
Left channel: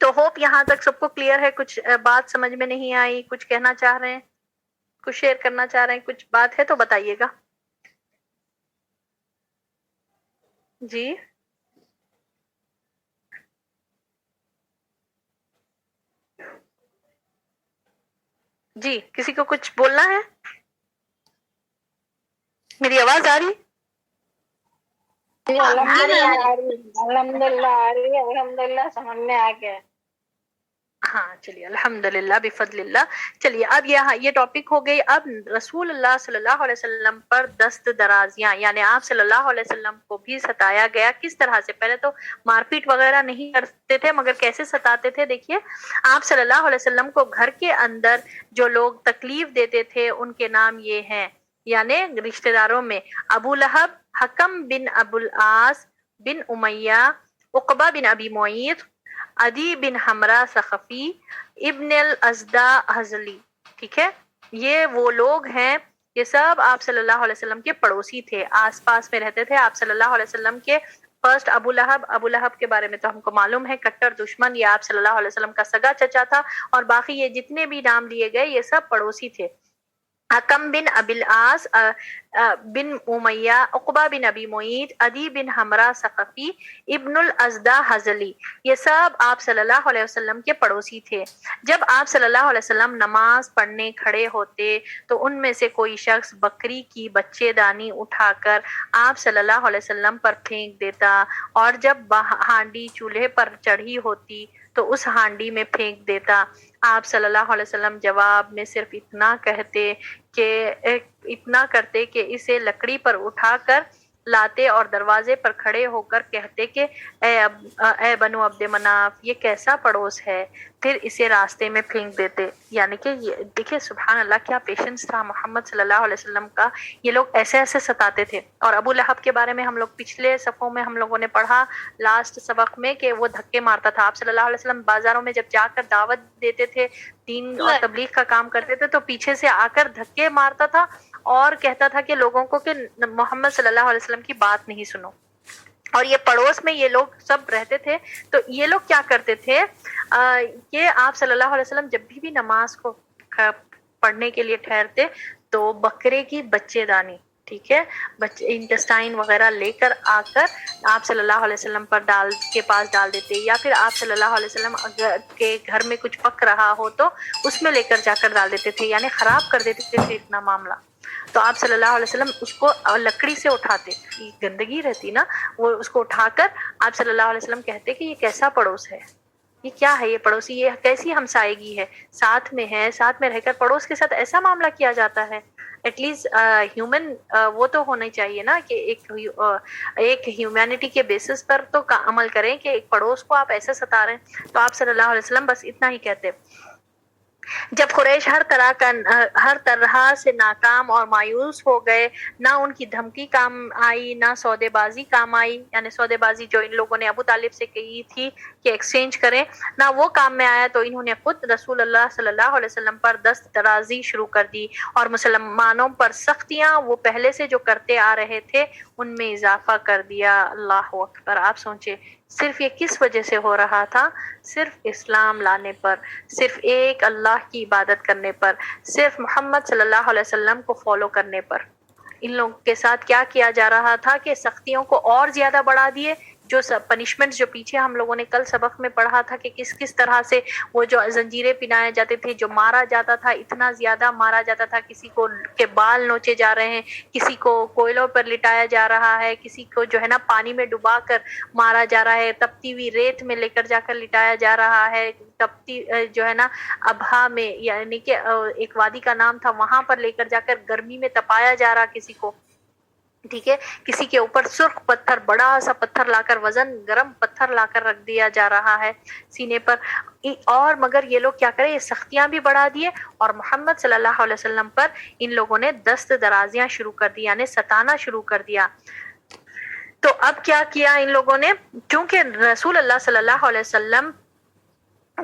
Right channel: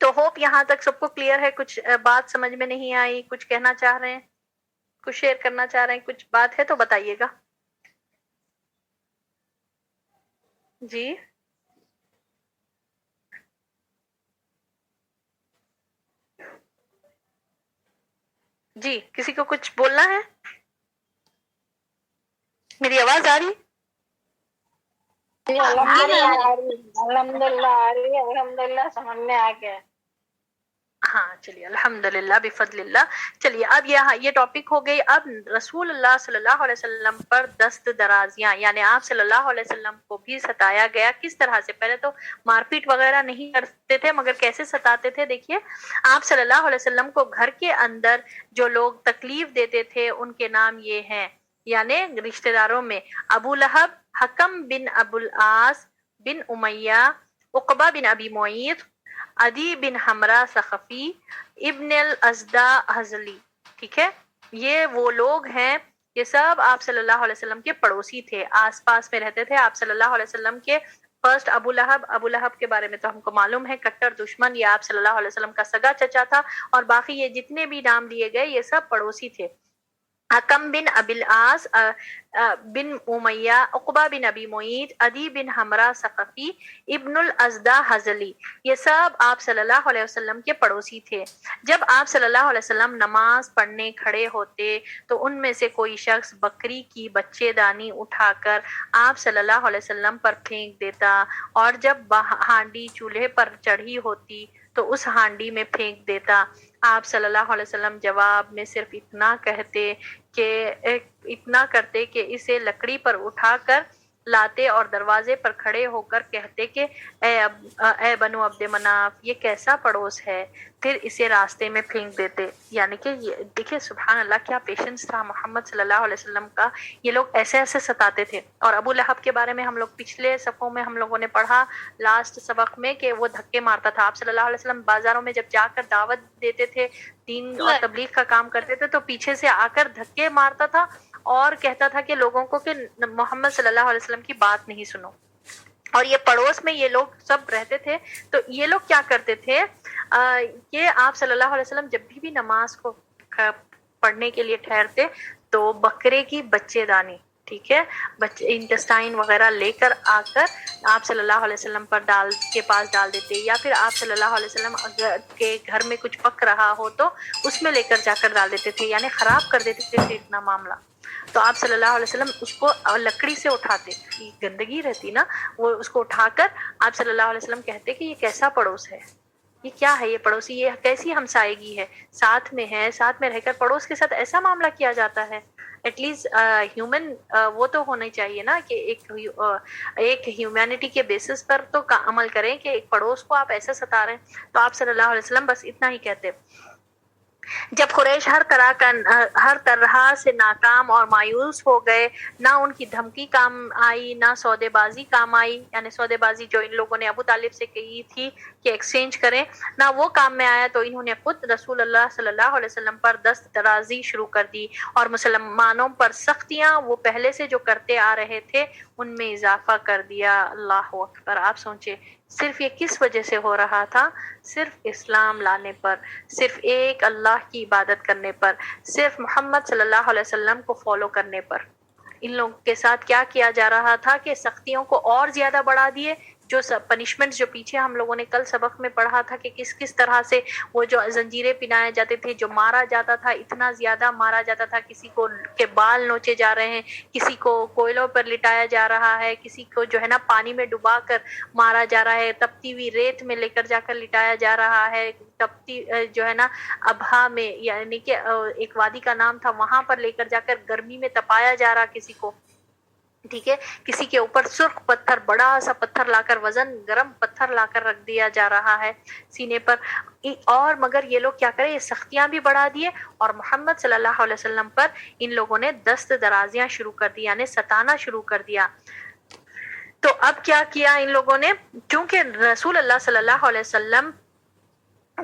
تو ہوپ یہاں تک سب کو کلیئر ہے. کچھ بات سمجھ میں نہیں آئی، کچھ کہنا چاہ رہے ہیں، کچھ شیئر کرنا چاہ رہے ہیں، کچھ بات ہے تو بتائیے گا. جی جی، کسی کو کچھ بولنا ہے؟ میری آواز آ رہی؟ الحمد للہ سمجھ میں آ گیا. ہاں چلیے الحمدللہ بفضل اللہ. چلیے اب یہ ٹاپک ہو گئی. اب رسول اللہ صلی اللہ علیہ وسلم پر دست درازیاں، یعنی آپ صلی اللہ علیہ وسلم کو بھی ستایا گیا. کس طرح سے؟ پہلے تو مار پیٹ وغیرہ نہیں کرتے تھے، مگر کیسے ستاتے تھے دیکھیے. آپ صلی اللہ علیہ وسلم کو گھر کے اندر جو لوگ تکلیف دیتے تھے ان کے نام یہ ہیں، یعنی رشتہ داروں میں ابو لہب، حکم بن ابو العاص بن امیہ، عقبہ بن ابی معیط، عدی بن حمرہ ثقفی، ابن الازدہ حزلی. ٹھیک ہے، یہ وہ لوگ ہیں، یہ سب آپ صلی اللہ علیہ وسلم کے پڑوسی تھے، آس پاس میں رہتے تھے آپ صلی اللہ علیہ وسلم کے. فرسٹ ابو لہب کے بارے میں تو ہم کو معلوم ہے، کٹر دشمن، یہ آپ صلی اللہ علیہ وسلم کا سگا چچا تھا. اور باقی یہ جتنے بھی نام لیے گئے یہ سب پڑوسی تھے. حکم بن ابی العاص بن امیہ، عقبہ بن ابی معیط، عدی بن حمرہ ثقفی، ابن الازدہ حزلی، یہ سب آپ صلی اللہ علیہ وسلم کے پڑوسی تھے۔ جب آپ صلی اللہ علیہ وسلم نماز پڑھنے کھڑے ہوتے تو ان میں سے کوئی شخص بکری کی بچے دانی اٹھا کر آپ صلی اللہ علیہ وسلم پر پھینک دیتا، اور جب ہانڈی چولہے پر چڑھی ہوتی تو اس ہانڈی میں پھینک دیتا۔ آپ صلی اللہ علیہ وسلم جواب میں صرف اتنا کرتے کہ اسے لکڑی پر اٹھا کر لاتے اور دروازے پر کھڑے ہو کر کہتے کہ اے بنو عبد مناف، یہ کیسا پڑوس ہے، پھر اسے راستے میں پھینک دیتے۔ یعنی کہ دیکھیں سبحان اللہ کیا پیشنس تھا محمد صلی اللہ علیہ وسلم کا، یہ لوگ ایسے ایسے ستاتے تھے۔ اور ابو لہب کے بارے میں ہم لوگ پچھلے صفوں میں ہم لوگوں نے پڑھا لاسٹ سبق میں کہ وہ دھکے مارتا تھا۔ آپ صلی اللہ علیہ وسلم بازاروں میں جب جا کر دعوت دیتے تھے، دین اور تبلیغ کا کام کرتے تھے، تو پیچھے سے آ کر دھکے مارتا تھا اور کہتا تھا کہ لوگوں کو کہ محمد صلی اللہ علیہ وسلم کی بات نہیں سنو۔ اور یہ پڑوس میں یہ لوگ سب رہتے تھے، تو یہ لوگ کیا کرتے تھے کہ آپ صلی اللہ علیہ وسلم جب بھی نماز کو پڑھنے کے لیے ٹھہرتے تو بکرے کی بچے دانی، ٹھیک ہے، انٹسٹائن وغیرہ لے کر آ کر آپ صلی اللہ علیہ وسلم پر کے پاس ڈال دیتے، یا پھر آپ صلی اللہ علیہ وسلم کے گھر میں کچھ پک رہا ہو تو اس میں لے کر جا کر ڈال دیتے تھے، یعنی خراب کر دیتے تھے اتنا معاملہ۔ تو آپ صلی اللہ علیہ وسلم اس کو لکڑی سے اٹھاتے، گندگی رہتی نا، وہ اس کو اٹھا کر آپ صلی اللہ علیہ وسلم کہتے کہ یہ کیسا پڑوس ہے، یہ کیا ہے، یہ پڑوسی، یہ کیسی ہمسائیگی ہے، ساتھ میں ہے، ساتھ میں رہ کر پڑوس کے ساتھ ایسا معاملہ کیا جاتا ہے۔ ایٹ لیسٹ ہیومن وہ تو ہونا چاہیے نا کہ ایک ہیومینٹی کے بیسس پر تو عمل کریں کہ ایک پڑوس کو آپ ایسا ستا رہے ہیں۔ تو آپ صلی اللہ علیہ وسلم بس اتنا ہی کہتے۔ جب قریش ہر طرح سے ناکام اور مایوس ہو گئے، نہ ان کی دھمکی کام آئی، نہ سودے بازی کام آئی، یعنی سودے بازی جو ان لوگوں نے ابو طالب سے کہی تھی کہ ایکسچینج کریں، نہ وہ کام میں آیا، تو انہوں نے خود رسول اللہ صلی اللہ علیہ وسلم پر دست درازی شروع کر دی اور مسلمانوں پر سختیاں وہ پہلے سے جو کرتے آ رہے تھے ان میں اضافہ کر دیا۔ اللہ اکبر! آپ سوچیں صرف یہ کس وجہ سے ہو رہا تھا؟ صرف اسلام لانے پر، صرف ایک اللہ کی عبادت کرنے پر، صرف محمد صلی اللہ علیہ وسلم کو فالو کرنے پر۔ ان لوگوں کے ساتھ کیا کیا جا رہا تھا کہ سختیوں کو اور زیادہ بڑھا دیے، جو پنشمنٹ جو پیچھے ہم لوگوں نے کل سبق میں پڑھا تھا کہ کس طرح سے وہ جو زنجیریں پہنائے جاتے تھے، جو مارا جاتا تھا، اتنا زیادہ مارا جاتا تھا، کسی کو کے بال نوچے جا رہے ہیں، کسی کو کوئلوں پر لٹایا جا رہا ہے، کسی کو جو ہے نا پانی میں ڈبا کر مارا جا رہا ہے، تپتی ہوئی ریت میں لے کر جا کر لٹایا جا رہا ہے، تپتی جو ہے نا ابہا میں، یعنی کہ ایک وادی کا نام تھا، وہاں پر لے کر جا کر گرمی میں تپایا جا رہا کسی کو، ٹھیک ہے، کسی کے اوپر سرخ پتھر، بڑا سا پتھر لا کر، وزن گرم پتھر لا کر رکھ دیا جا رہا ہے سینے پر۔ اور مگر یہ لوگ کیا کریں، یہ سختیاں بھی بڑھا دیے اور محمد صلی اللہ علیہ وسلم پر ان لوگوں نے دست درازیاں شروع کر دی، یعنی ستانا شروع کر دیا۔ تو اب کیا کیا ان لوگوں نے، کیونکہ رسول اللہ صلی اللہ علیہ وسلم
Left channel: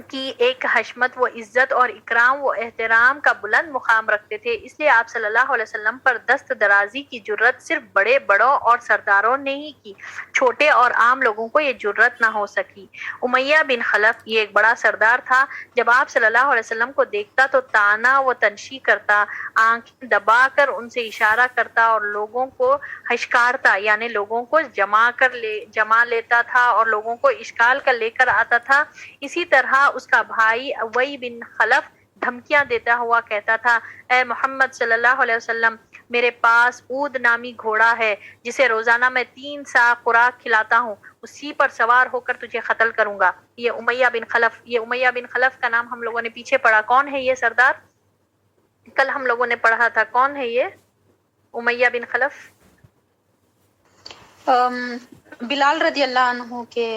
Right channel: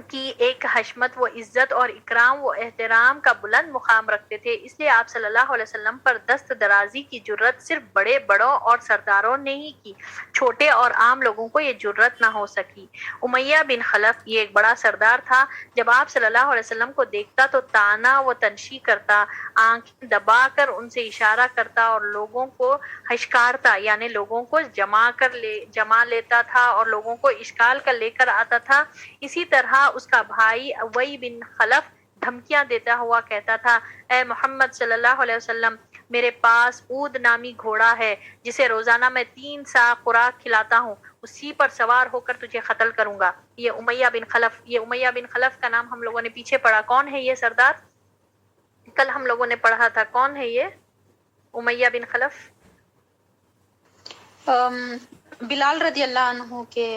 کی ایک حشمت و عزت اور اکرام و احترام کا بلند مقام رکھتے تھے، اس لیے آپ صلی اللہ علیہ وسلم پر دست درازی کی جرت صرف بڑوں اور سرداروں نے ہی کی، چھوٹے اور عام لوگوں کو یہ جرت نہ ہو سکی۔ امیہ بن خلف یہ ایک بڑا سردار تھا، جب آپ صلی اللہ علیہ وسلم کو دیکھتا تو طعنہ و تنشی کرتا، آنکھیں دبا کر ان سے اشارہ کرتا اور لوگوں کو ہشکارتا، یعنی لوگوں کو جمع لیتا تھا اور لوگوں کو اشکال کر لے کر آتا تھا۔ اسی طرح اس کا بھائی ابی بن خلف دھمکیاں دیتا ہوا کہتا تھا، اے محمد صلی اللہ علیہ وسلم، میرے پاس اود نامی گھوڑا ہے جسے روزانہ میں 3 سا خوراک کھلاتا ہوں، اسی پر سوار ہو کر تجھے قتل کروں گا۔ یہ امیہ بن خلف کا نام ہم لوگوں نے پیچھے پڑھا، کون ہے یہ سردار؟ کل ہم لوگوں نے پڑھا تھا، کون ہے یہ امیہ بن خلف؟ بلال رضی اللہ عنہ کے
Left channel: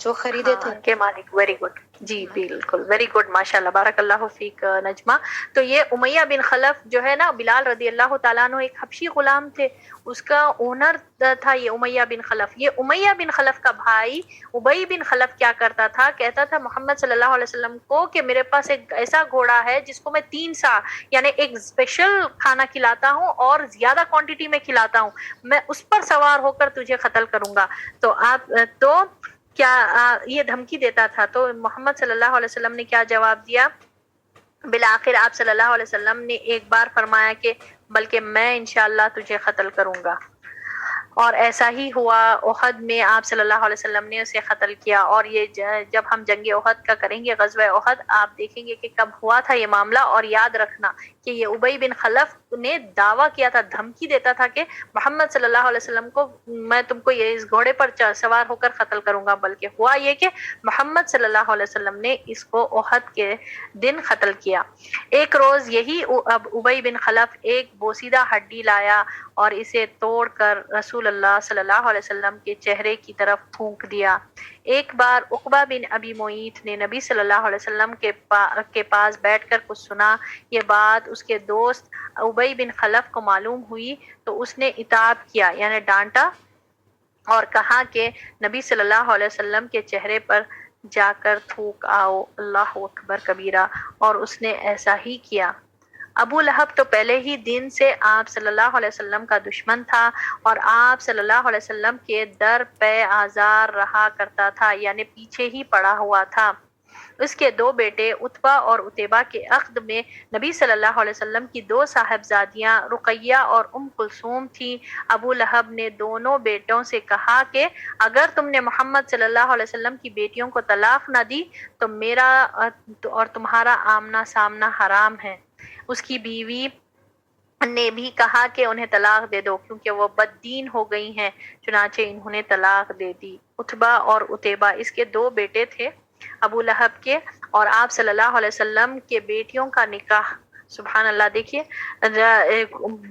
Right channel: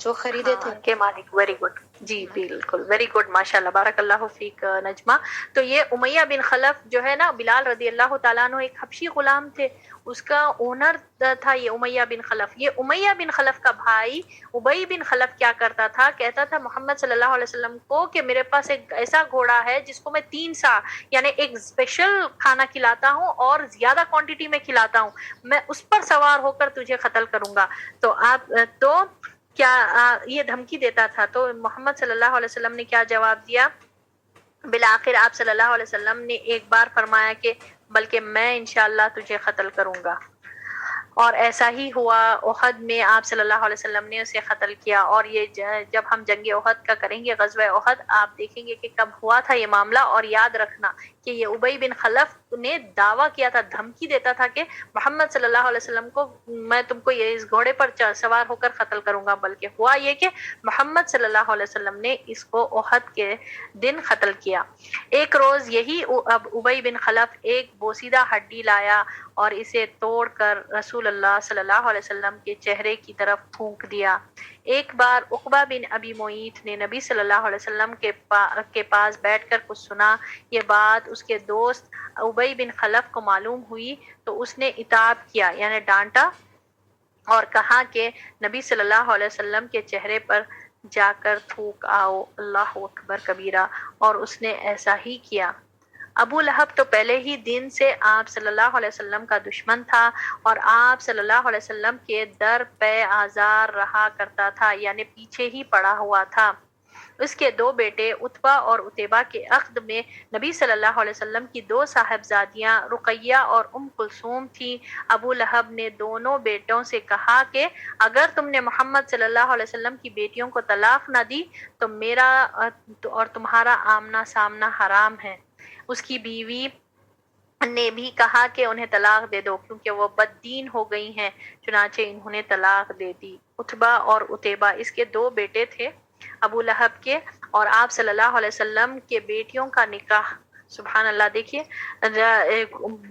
جو خریدے تھے کے مالک۔ ویری گڈ، جی بالکل، ویری گڈ، ماشاء اللہ، بارک اللہ فیک نجمہ۔ تو یہ امیہ بن خلف جو ہے نا، بلال رضی اللہ تعالیٰ عنہ ایک حبشی غلام تھے، اس کا اونر تھا یہ امیہ بن خلف۔ یہ امیہ بن خلف کا بھائی ابی بن خلف کیا کرتا تھا، کہتا تھا محمد صلی اللہ علیہ وسلم کو کہ میرے پاس ایک ایسا گھوڑا ہے جس کو میں 3 سا یعنی ایک اسپیشل کھانا کھلاتا ہوں اور زیادہ کوانٹٹی میں کھلاتا ہوں، میں اس پر سوار ہو کر تجھے قتل کروں گا۔ تو کیا یہ دھمکی دیتا تھا، تو محمد صلی اللہ علیہ وسلم نے کیا جواب دیا؟ بالآخر آپ صلی اللہ علیہ وسلم نے ایک بار فرمایا کہ بلکہ میں انشاءاللہ تجھے قتل کروں گا، اور ایسا ہی ہوا۔ احد میں آپ صلی اللہ علیہ وسلم نے اسے قتل کیا، اور یہ جب ہم جنگ احد کا کریں گے، غزوہ احد، آپ دیکھیں گے کہ کب ہوا تھا یہ معاملہ۔ اور یاد رکھنا کہ یہ ابی بن خلف نے دعویٰ کیا تھا، دھمکی دیتا تھا کہ محمد صلی اللہ علیہ وسلم کو میں تم کو یہ اس گھوڑے پر سوار ہو کر قتل کروں گا، بلکہ ہوا یہ کہ محمد صلی اللہ علیہ وسلم نے اس کو احد کے دن قتل کیا۔ ایک روز یہی ابی بن خلف ایک بوسیدہ ہڈی لایا اور اسے توڑ کر رسول اللہ صلی اللہ علیہ وسلم کے چہرے کی طرف پھونک دیا۔ ایک بار عقبہ بن ابی معیط نے نبی صلی اللہ علیہ وسلم کے پاس بیٹھ کر کچھ سنا۔ یہ بات اس کے دوست ابی بن خلف کو معلوم ہوئی تو اس نے عتاب کیا، یعنی ڈانٹا، اور کہا کہ نبی صلی اللہ علیہ وسلم کے چہرے پر جا کر تھوک آؤ، اللہ اکبر کبیرہ، اور اس نے ایسا ہی کیا۔ ابو لہب تو پہلے ہی دن سے آپ صلی اللہ علیہ وسلم کا دشمن تھا، اور آپ صلی اللہ علیہ وسلم کے در پہ آزار رہا کرتا تھا، یعنی پیچھے ہی پڑا ہوا تھا۔ اس کے دو بیٹے عتبہ اور عتیبہ کے عقد میں نبی صلی اللہ علیہ وسلم کی دو صاحبزادیاں رقیہ اور ام کلثوم تھیں۔ ابو لہب نے دونوں بیٹوں سے کہا کہ اگر تم نے محمد صلی اللہ علیہ وسلم کی بیٹیوں کو طلاق نہ دی تو میرا اور تمہارا آمنا سامنا حرام ہے۔ اس کی بیوی نے بھی کہا کہ انہیں طلاق دے دو کیونکہ وہ بد دین ہو گئی ہیں، چنانچہ انہوں نے طلاق دے دی۔ عتبہ اور عتیبہ اس کے دو بیٹے تھے ابو لہب کے، اور آپ صلی اللہ علیہ وسلم کے بیٹیوں کا نکاح، سبحان اللہ، دیکھیے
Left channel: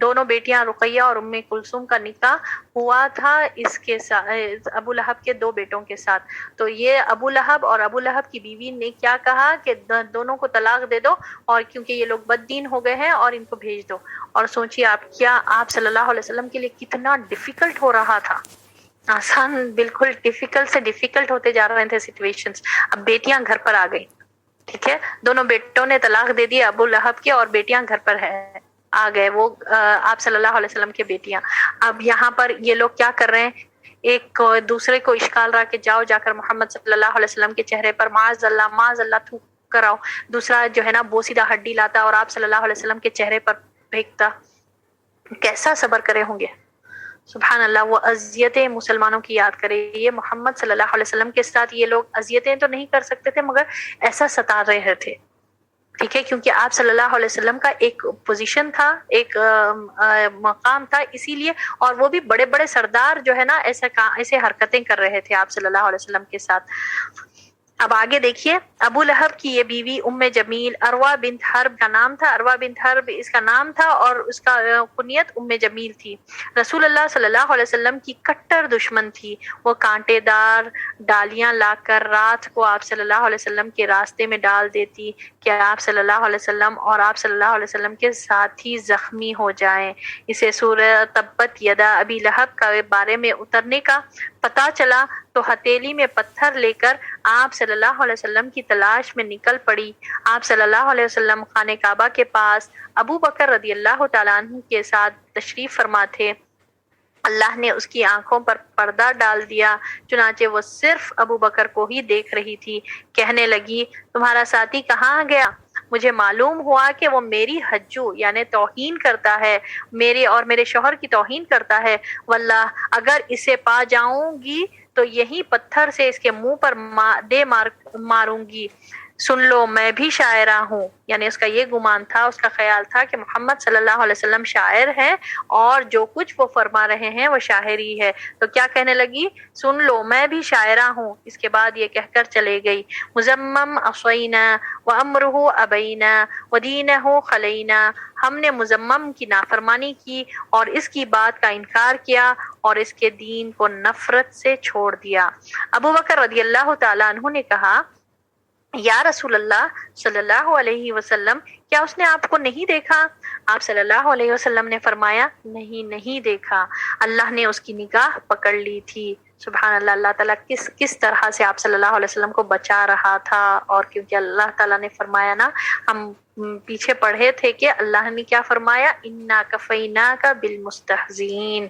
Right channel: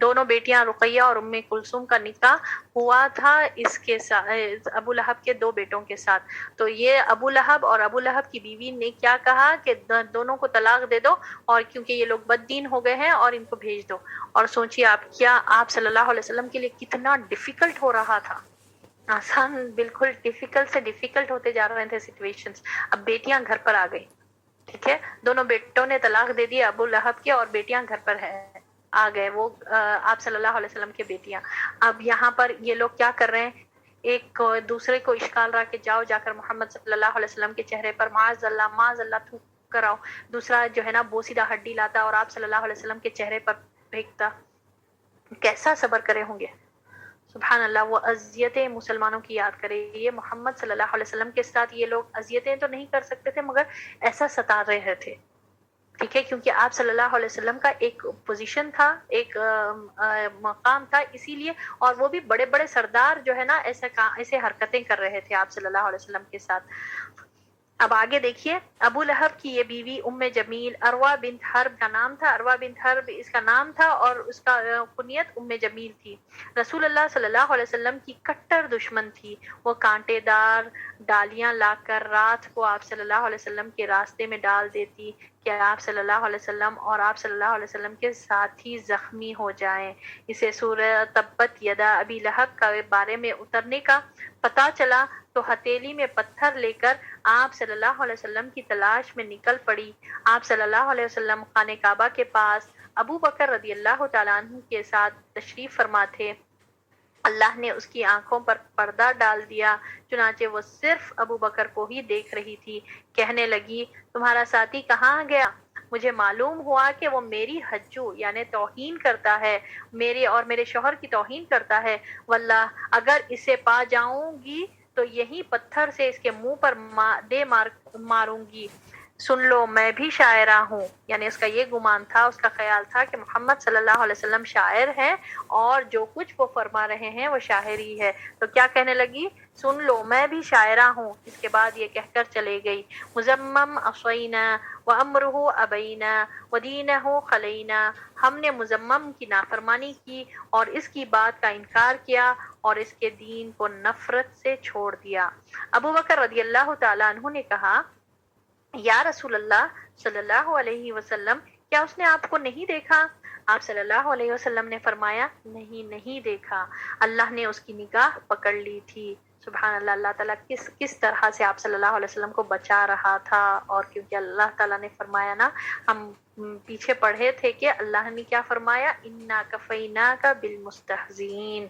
دونوں بیٹیاں رقیہ اور ام کلثوم کا نکاح ہوا تھا اس کے ساتھ، ابو لہب کے دو بیٹوں کے ساتھ۔ تو یہ ابو لہب اور ابو لہب کی بیوی نے کیا کہا کہ دونوں کو طلاق دے دو، اور کیونکہ یہ لوگ بد دین ہو گئے ہیں، اور ان کو بھیج دو۔ اور سوچیے آپ، کیا آپ صلی اللہ علیہ وسلم کے لیے کتنا ڈیفیکلٹ ہو رہا تھا، آسان بالکل ڈیفیکلٹ سے ڈیفیکلٹ ہوتے جا رہے تھے سچویشنز۔ اب بیٹیاں گھر پر آ گئی، ٹھیک ہے، دونوں بیٹوں نے طلاق دے دی ابو لہب کے، اور بیٹیاں گھر پر آ گئے، وہ آپ صلی اللہ علیہ وسلم کے بیٹیاں۔ اب یہاں پر یہ لوگ کیا کر رہے ہیں، ایک دوسرے کو اشکال رہا کہ جاؤ جا کر محمد صلی اللہ علیہ وسلم کے چہرے پر معاذ اللہ تھوک کر آؤ۔ دوسرا جو ہے نا بوسیدہ ہڈی لاتا اور آپ صلی اللہ علیہ وسلم کے چہرے پر پھینکتا۔ کیسا صبر کرے ہوں گے، سبحان اللہ۔ وہ اذیتیں مسلمانوں کی یاد کرے، یہ محمد صلی اللہ علیہ وسلم کے ساتھ یہ لوگ اذیتیں تو نہیں کر سکتے تھے مگر ایسا ستا رہے تھے، ٹھیک ہے، کیونکہ آپ صلی اللہ علیہ وسلم کا ایک پوزیشن تھا، ایک مقام تھا، اسی لیے، اور وہ بھی بڑے بڑے سردار جو ہے نا ایسے حرکتیں کر رہے تھے آپ صلی اللہ علیہ وسلم کے ساتھ۔ اب آگے دیکھیے، ابو لہب کی یہ بیوی ام جمیل عروہ بنت حرب کا نام تھا، عروہ بنت حرب اس کا نام تھا، اور اس کا کنیت ام جمیل تھی۔ رسول اللہ صلی اللہ علیہ وسلم کی کٹر دشمن تھی۔ وہ کانٹے دار ڈالیاں لا کر رات کو آپ صلی اللہ علیہ وسلم کے راستے میں ڈال دیتی کہ آپ صلی اللہ علیہ وسلم اور آپ صلی اللہ علیہ وسلم کے ساتھی زخمی ہو جائیں۔ اسے سورہ تبت یدا ابی لہب کے بارے میں اترنے کا پتہ چلا تو ہتھیلی میں پتھر لے کر آپ صلی اللہ علیہ وسلم کی تلاش میں نکل پڑی۔ آپ صلی اللہ علیہ وسلم خانہ کعبہ کے پاس ابو بکر رضی اللہ تعالیٰ عنہ کے ساتھ تشریف فرما تھے۔ اللہ نے اس کی آنکھوں پر پردہ ڈال دیا، چنانچہ وہ صرف ابو بکر کو ہی دیکھ رہی تھی۔ کہنے لگی، تمہارا ساتھی کہاں گیا؟ مجھے معلوم ہوا کہ وہ میری حجو یعنی توہین کرتا ہے، میرے اور میرے شوہر کی توہین کرتا ہے۔ واللہ اگر اسے پا جاؤں گی تو یہی پتھر سے اس کے منہ پر ماروں گی۔ سن لو، میں بھی شاعرہ ہوں، یعنی اس کا یہ گمان تھا، اس کا خیال تھا کہ محمد صلی اللہ علیہ وسلم شاعر ہیں اور جو کچھ وہ فرما رہے ہیں وہ شاعری ہے۔ تو کیا کہنے لگی؟ سن لو، میں بھی شاعرہ ہوں۔ اس کے بعد یہ کہہ کر چلے گئی، مزمم عصینا وامرہ ابینا ودینہ خلینا، ہم نے مزمم کی نافرمانی کی اور اس کی بات کا انکار کیا اور اس کے دین کو نفرت سے چھوڑ دیا۔ ابو بکر رضی اللہ تعالیٰ عنہ نے کہا، یا رسول اللہ صلی اللہ علیہ وسلم، کیا اس نے آپ کو نہیں دیکھا؟ آپ صلی اللہ علیہ وسلم نے فرمایا، نہیں دیکھا، اللہ نے اس کی نگاہ پکڑ لی تھی۔ سبحان اللہ، اللہ تعالیٰ کس طرح سے آپ صلی اللہ علیہ وسلم کو بچا رہا تھا، اور کیونکہ اللہ تعالیٰ نے فرمایا نا، ہم پیچھے پڑھے تھے کہ اللہ نے کیا فرمایا، انا کفیناک بالمستہزئین،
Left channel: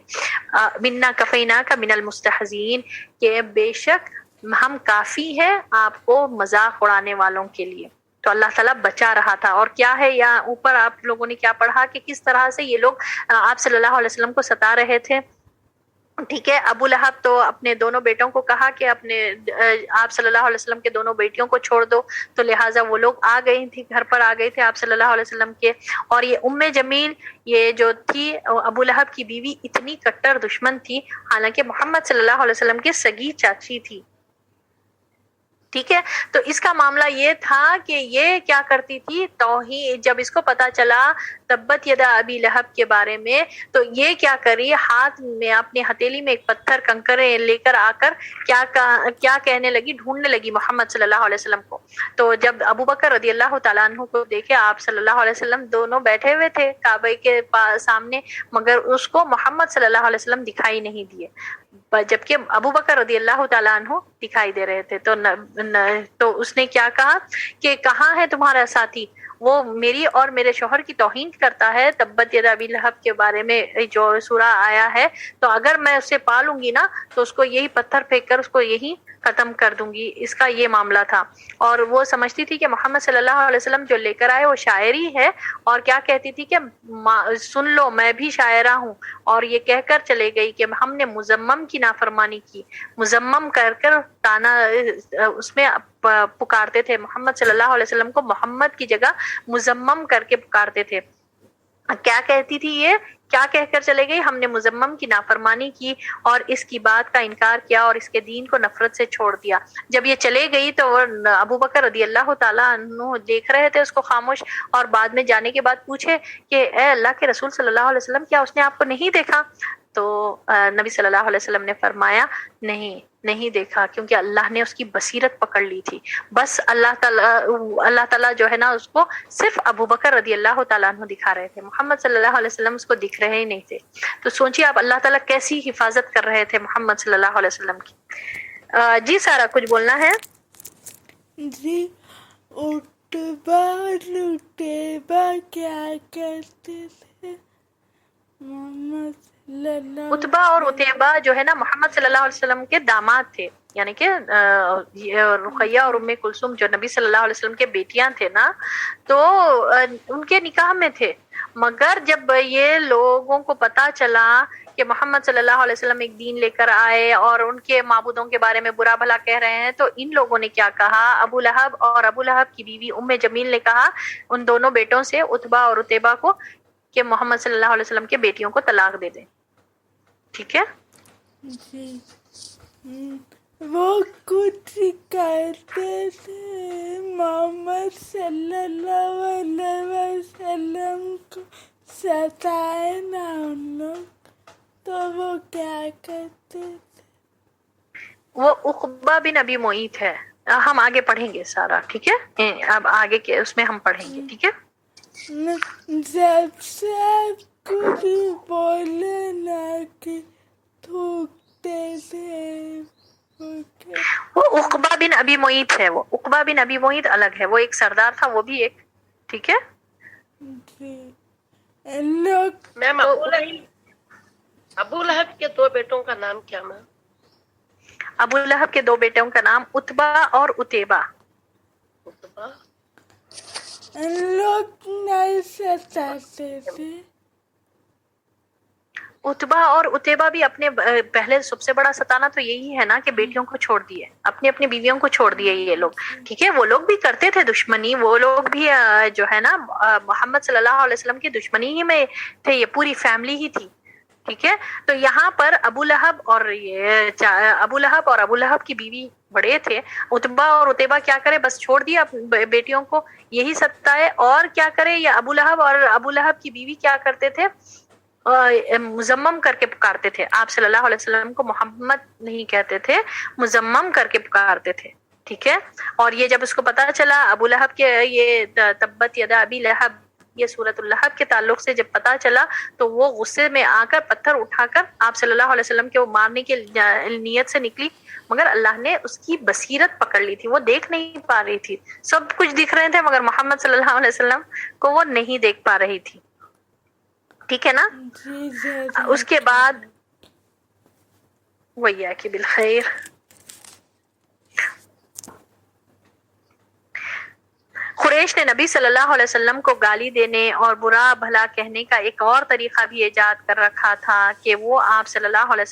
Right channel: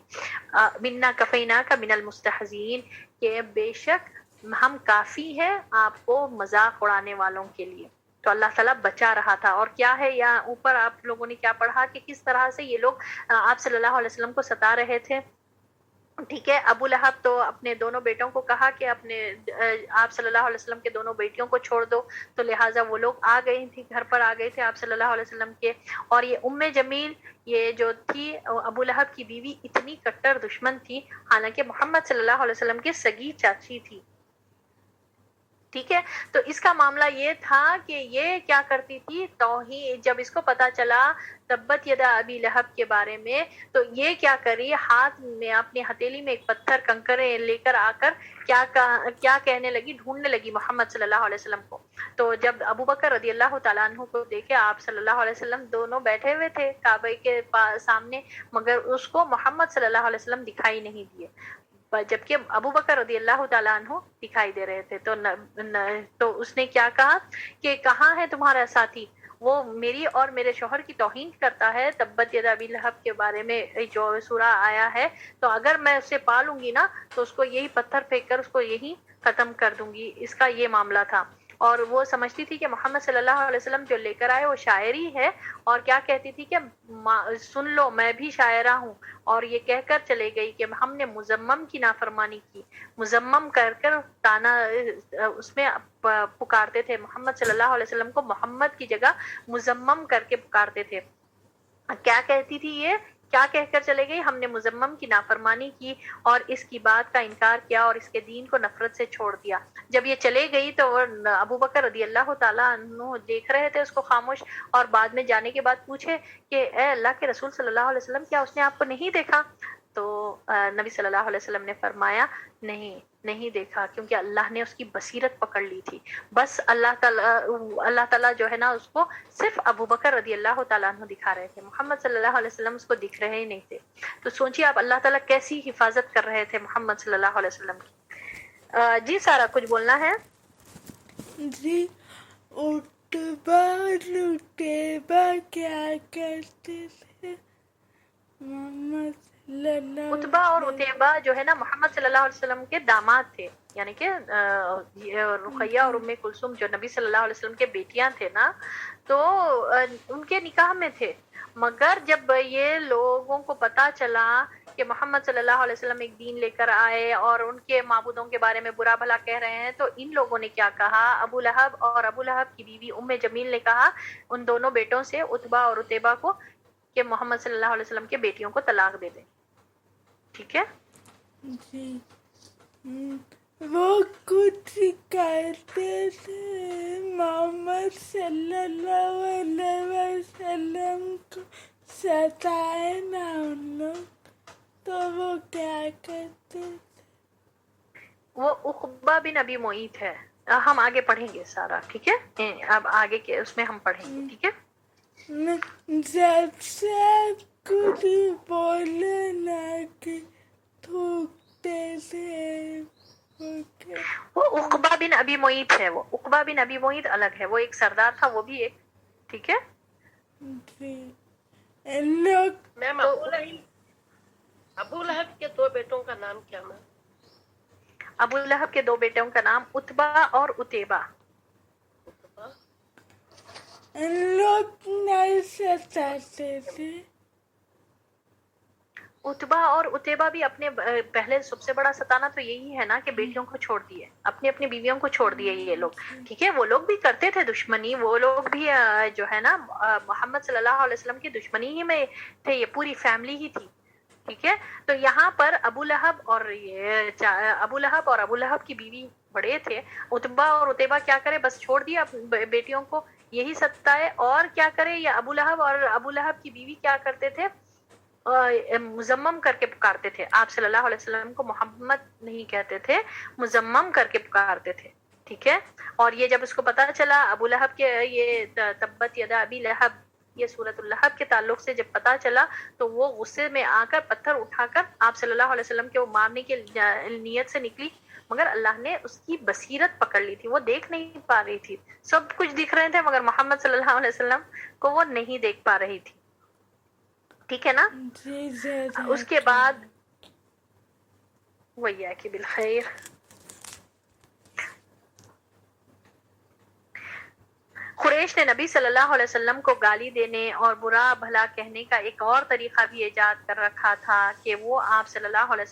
انا کفیناک من المستہزئین، کہ بے شک ہم کافی ہے آپ کو مذاق اڑانے والوں کے لیے۔ تو اللہ تعالیٰ بچا رہا تھا. اور کیا ہے یہاں اوپر آپ لوگوں نے کیا پڑھا کہ کس طرح سے یہ لوگ آپ صلی اللہ علیہ وسلم کو ستا رہے تھے. ٹھیک ہے. ابو لہب تو اپنے دونوں بیٹوں کو کہا کہ اپنے آپ صلی اللہ علیہ وسلم کے دونوں بیٹیوں کو چھوڑ دو, تو لہٰذا وہ لوگ آ گئی تھی, گھر پر آ گئے تھے آپ صلی اللہ علیہ وسلم کے. اور یہ جمیل یہ جو تھی ابو لہب کی بیوی اتنی کٹر دشمن تھی, حالانکہ محمد صلی اللہ علیہ وسلم کی سگی چاچی تھی. ٹھیک ہے. تو اس کا معاملہ یہ تھا کہ یہ کیا کرتی تھی توہین, جب اس کو پتا چلا تبت یدا ابی لہب کے بارے میں, تو یہ کیا کری, ہاتھ میں اپنی ہتھیلی میں ایک پتھر کنکر لے کر آ کر کیا کہنے لگی, ڈھونڈنے لگی محمد صلی اللہ علیہ وسلم کو. تو جب ابو بکر رضی اللہ تعالیٰ عنہ کو دیکھے, آپ صلی اللہ علیہ وسلم دونوں بیٹھے ہوئے تھے کعبے کے سامنے, مگر اس کو محمد صلی اللہ علیہ وسلم دکھائی نہیں دیے, جبکہ ابو بکر رضی اللہ تعالیٰ عنہ دکھائی دے رہے تھے. تو اس نے کیا کہا کہ کہاں ہے تمہارا ساتھی, وہ میری اور میرے شوہر کی توہین کرتا ہے. تبت یدا ابی لہب کے بارے میں جو سورہ آیا ہے, تو اگر میں اسے پالوں گی نا تو اس کو یہی پتھر پھینک کر اس کو یہی ختم کر دوں گی. اس کا یہ معاملہ تھا. اور وہ سمجھتی تھی کہ محمد صلی اللہ علیہ وسلم جو لے کر آئے وہ شاعری ہے, اور کیا کہتی تھی کہ سن لو میں بھی شاعرہ ہوں. اور یہ کہہ کر چلے گئی کہ ہم نے مزمم کی نافرمانی کی. مزمم کر تانا اس میں پکارتے تھے محمد صلی اللہ علیہ وسلم کو, محمد کی جگہ مزمم کر کے پکارتے تھے. کیا کہتی تھی یہ, کیا کہہ کر چلے گئی, ہم نے مزمم کی نافرمانی کی اور اس کی بات کا انکار کیا اور اس کے دین کو نفرت سے چھوڑ دیا. جب یہ چلے گئی تو ابو بکر رضی اللہ تعالیٰ عنہ دیکھ رہے تھے اس کو خاموش, اور بعد میں جانے کے بعد پوچھے کہ اے اللہ کے رسول صلی اللہ علیہ وسلم, کیا اس نے آپ کو نہیں دیکھا؟ تو نبی صلی اللہ علیہ وسلم نے فرمایا نہیں دیکھا, کیونکہ اللہ نے اس کی بصیرت پکڑ لی تھی. بس اللہ تعالیٰ جو ہے نا اس کو صرف ابو بکر رضی اللہ تعالیٰ عنہ دکھا رہے تھے, محمد صلی اللہ علیہ وسلم اس کو دکھ رہے ہی نہیں تھے. تو سوچیے آپ اللہ تعالیٰ کیسی حفاظت کر رہے تھے محمد صلی اللہ علیہ وسلم کی. جی سارا کچھ بولنا ہے؟ جی, اتبا کیا کرتے تھے محمد صلی اللہ اتبا اور اتیبہ جو ہے نا محمد صلی اللہ علیہ وسلم کے داماد تھے, یعنی کہ رقیہ اور ام کلثوم جو نبی صلی اللہ علیہ وسلم کے بیٹیاں تھے نا, تو ان کے نکاح میں تھے. مگر جب یہ لوگوں کو پتا چلا کہ محمد صلی اللہ علیہ وسلم ایک دین لے کر آئے اور ان کے معبودوں کے بارے میں برا بھلا کہہ رہے ہیں, تو ان لوگوں نے کیا کہا, ابو لہب اور ابو لہب کی بیوی ام جمیل نے کہا ان دونوں بیٹوں سے, اتبا اور اتیبہ کو, کہ محمد صلی اللہ علیہ وسلم کے بیٹیوں کو طلاق دے دیں. ٹھیک ہے. جی, وہ کچھ کرتے تھے محمد صلی اللہ علیہ وسلم کو ستائے نا ان لوگ, تو وہ کیا کرتے تھے؟ وہ عقبہ بن ابی معیط ہے, ہم آگے پڑھیں گے سارا. ٹھیک ہے, اب آگے کے اس میں ہم پڑھیں گے. ٹھیک ہے. جب سے کچھ بولے نہ کہ تھوکتے تھے. وہ عقبہ بن ابی معیط ہے, وہ عقبہ بن ابی معیط الگ ہے, وہ ایک سردار تھا, وہ بھی ایک. ٹھیک ہے. لوگ میم ابو لہب کے دو بیٹوں کا نام کیا میم؟ ابو لہب کے دو بیٹوں کا نام اتبا اور اتیبہ. لوگ نہیں ستاتے تھے. اتبا اور اتیبہ بھی اپنے پہلے سب سے بڑا ستانا تو یہی ہے نا کہ بیٹیوں کو چھوڑ دیے, اپنی بیویوں کو چھوڑ دیے یہ لوگ. ٹھیک ہے. وہ لوگ بھی کرتے تھے دشمنی, وہ لوگ بھی جو ہے نا محمد صلی اللہ علیہ وسلم کی دشمنی ہی میں تھے, یہ پوری فیملی ہی تھی. ٹھیک ہے. تو یہاں پر ابو لہب اور ابو لہب کی بیوی بڑے تھے. اتبا اور اتیبہ کیا کرے, بس چھوڑ دیا بیٹیوں کو, یہی ستائے. اور کیا کرے, یہ ابو لہب اور ابو لہب کی بیوی کیا کرتے تھے, مزمم کر کے پکارتے تھے. آپ صلی اللہ علیہ وسلم کو محمد نہیں کہتے تھے, مزمم کر کے پکارتے تھے. ٹھیک ہے. اور یہ جب اس کو پتا چلا ابو لہب کے, یہ تبت یدا ابی لہب, یہ سورۃ اللہب کے تعلق سے جب پتا چلا, تو وہ غصے میں آ کر پتھر اٹھا کر آپ صلی اللہ علیہ وسلم کے وہ مارنے کی نیت سے نکلی, مگر اللہ نے اس کی بصیرت پکڑ لی تھی, وہ دیکھ نہیں پا رہی تھی. سب کچھ دکھ رہے تھے مگر محمد صلی اللہ علیہ وسلم کو وہ نہیں دیکھ پا رہی تھی. ٹھیک ہے نا. اس کے بعد ویاک بالخیر. قریش نے نبی صلی اللہ علیہ وسلم کو گالی دینے اور برا بھلا کہنے کا ایک اور طریقہ بھی ایجاد کر رکھا تھا کہ وہ آپ صلی اللہ علیہ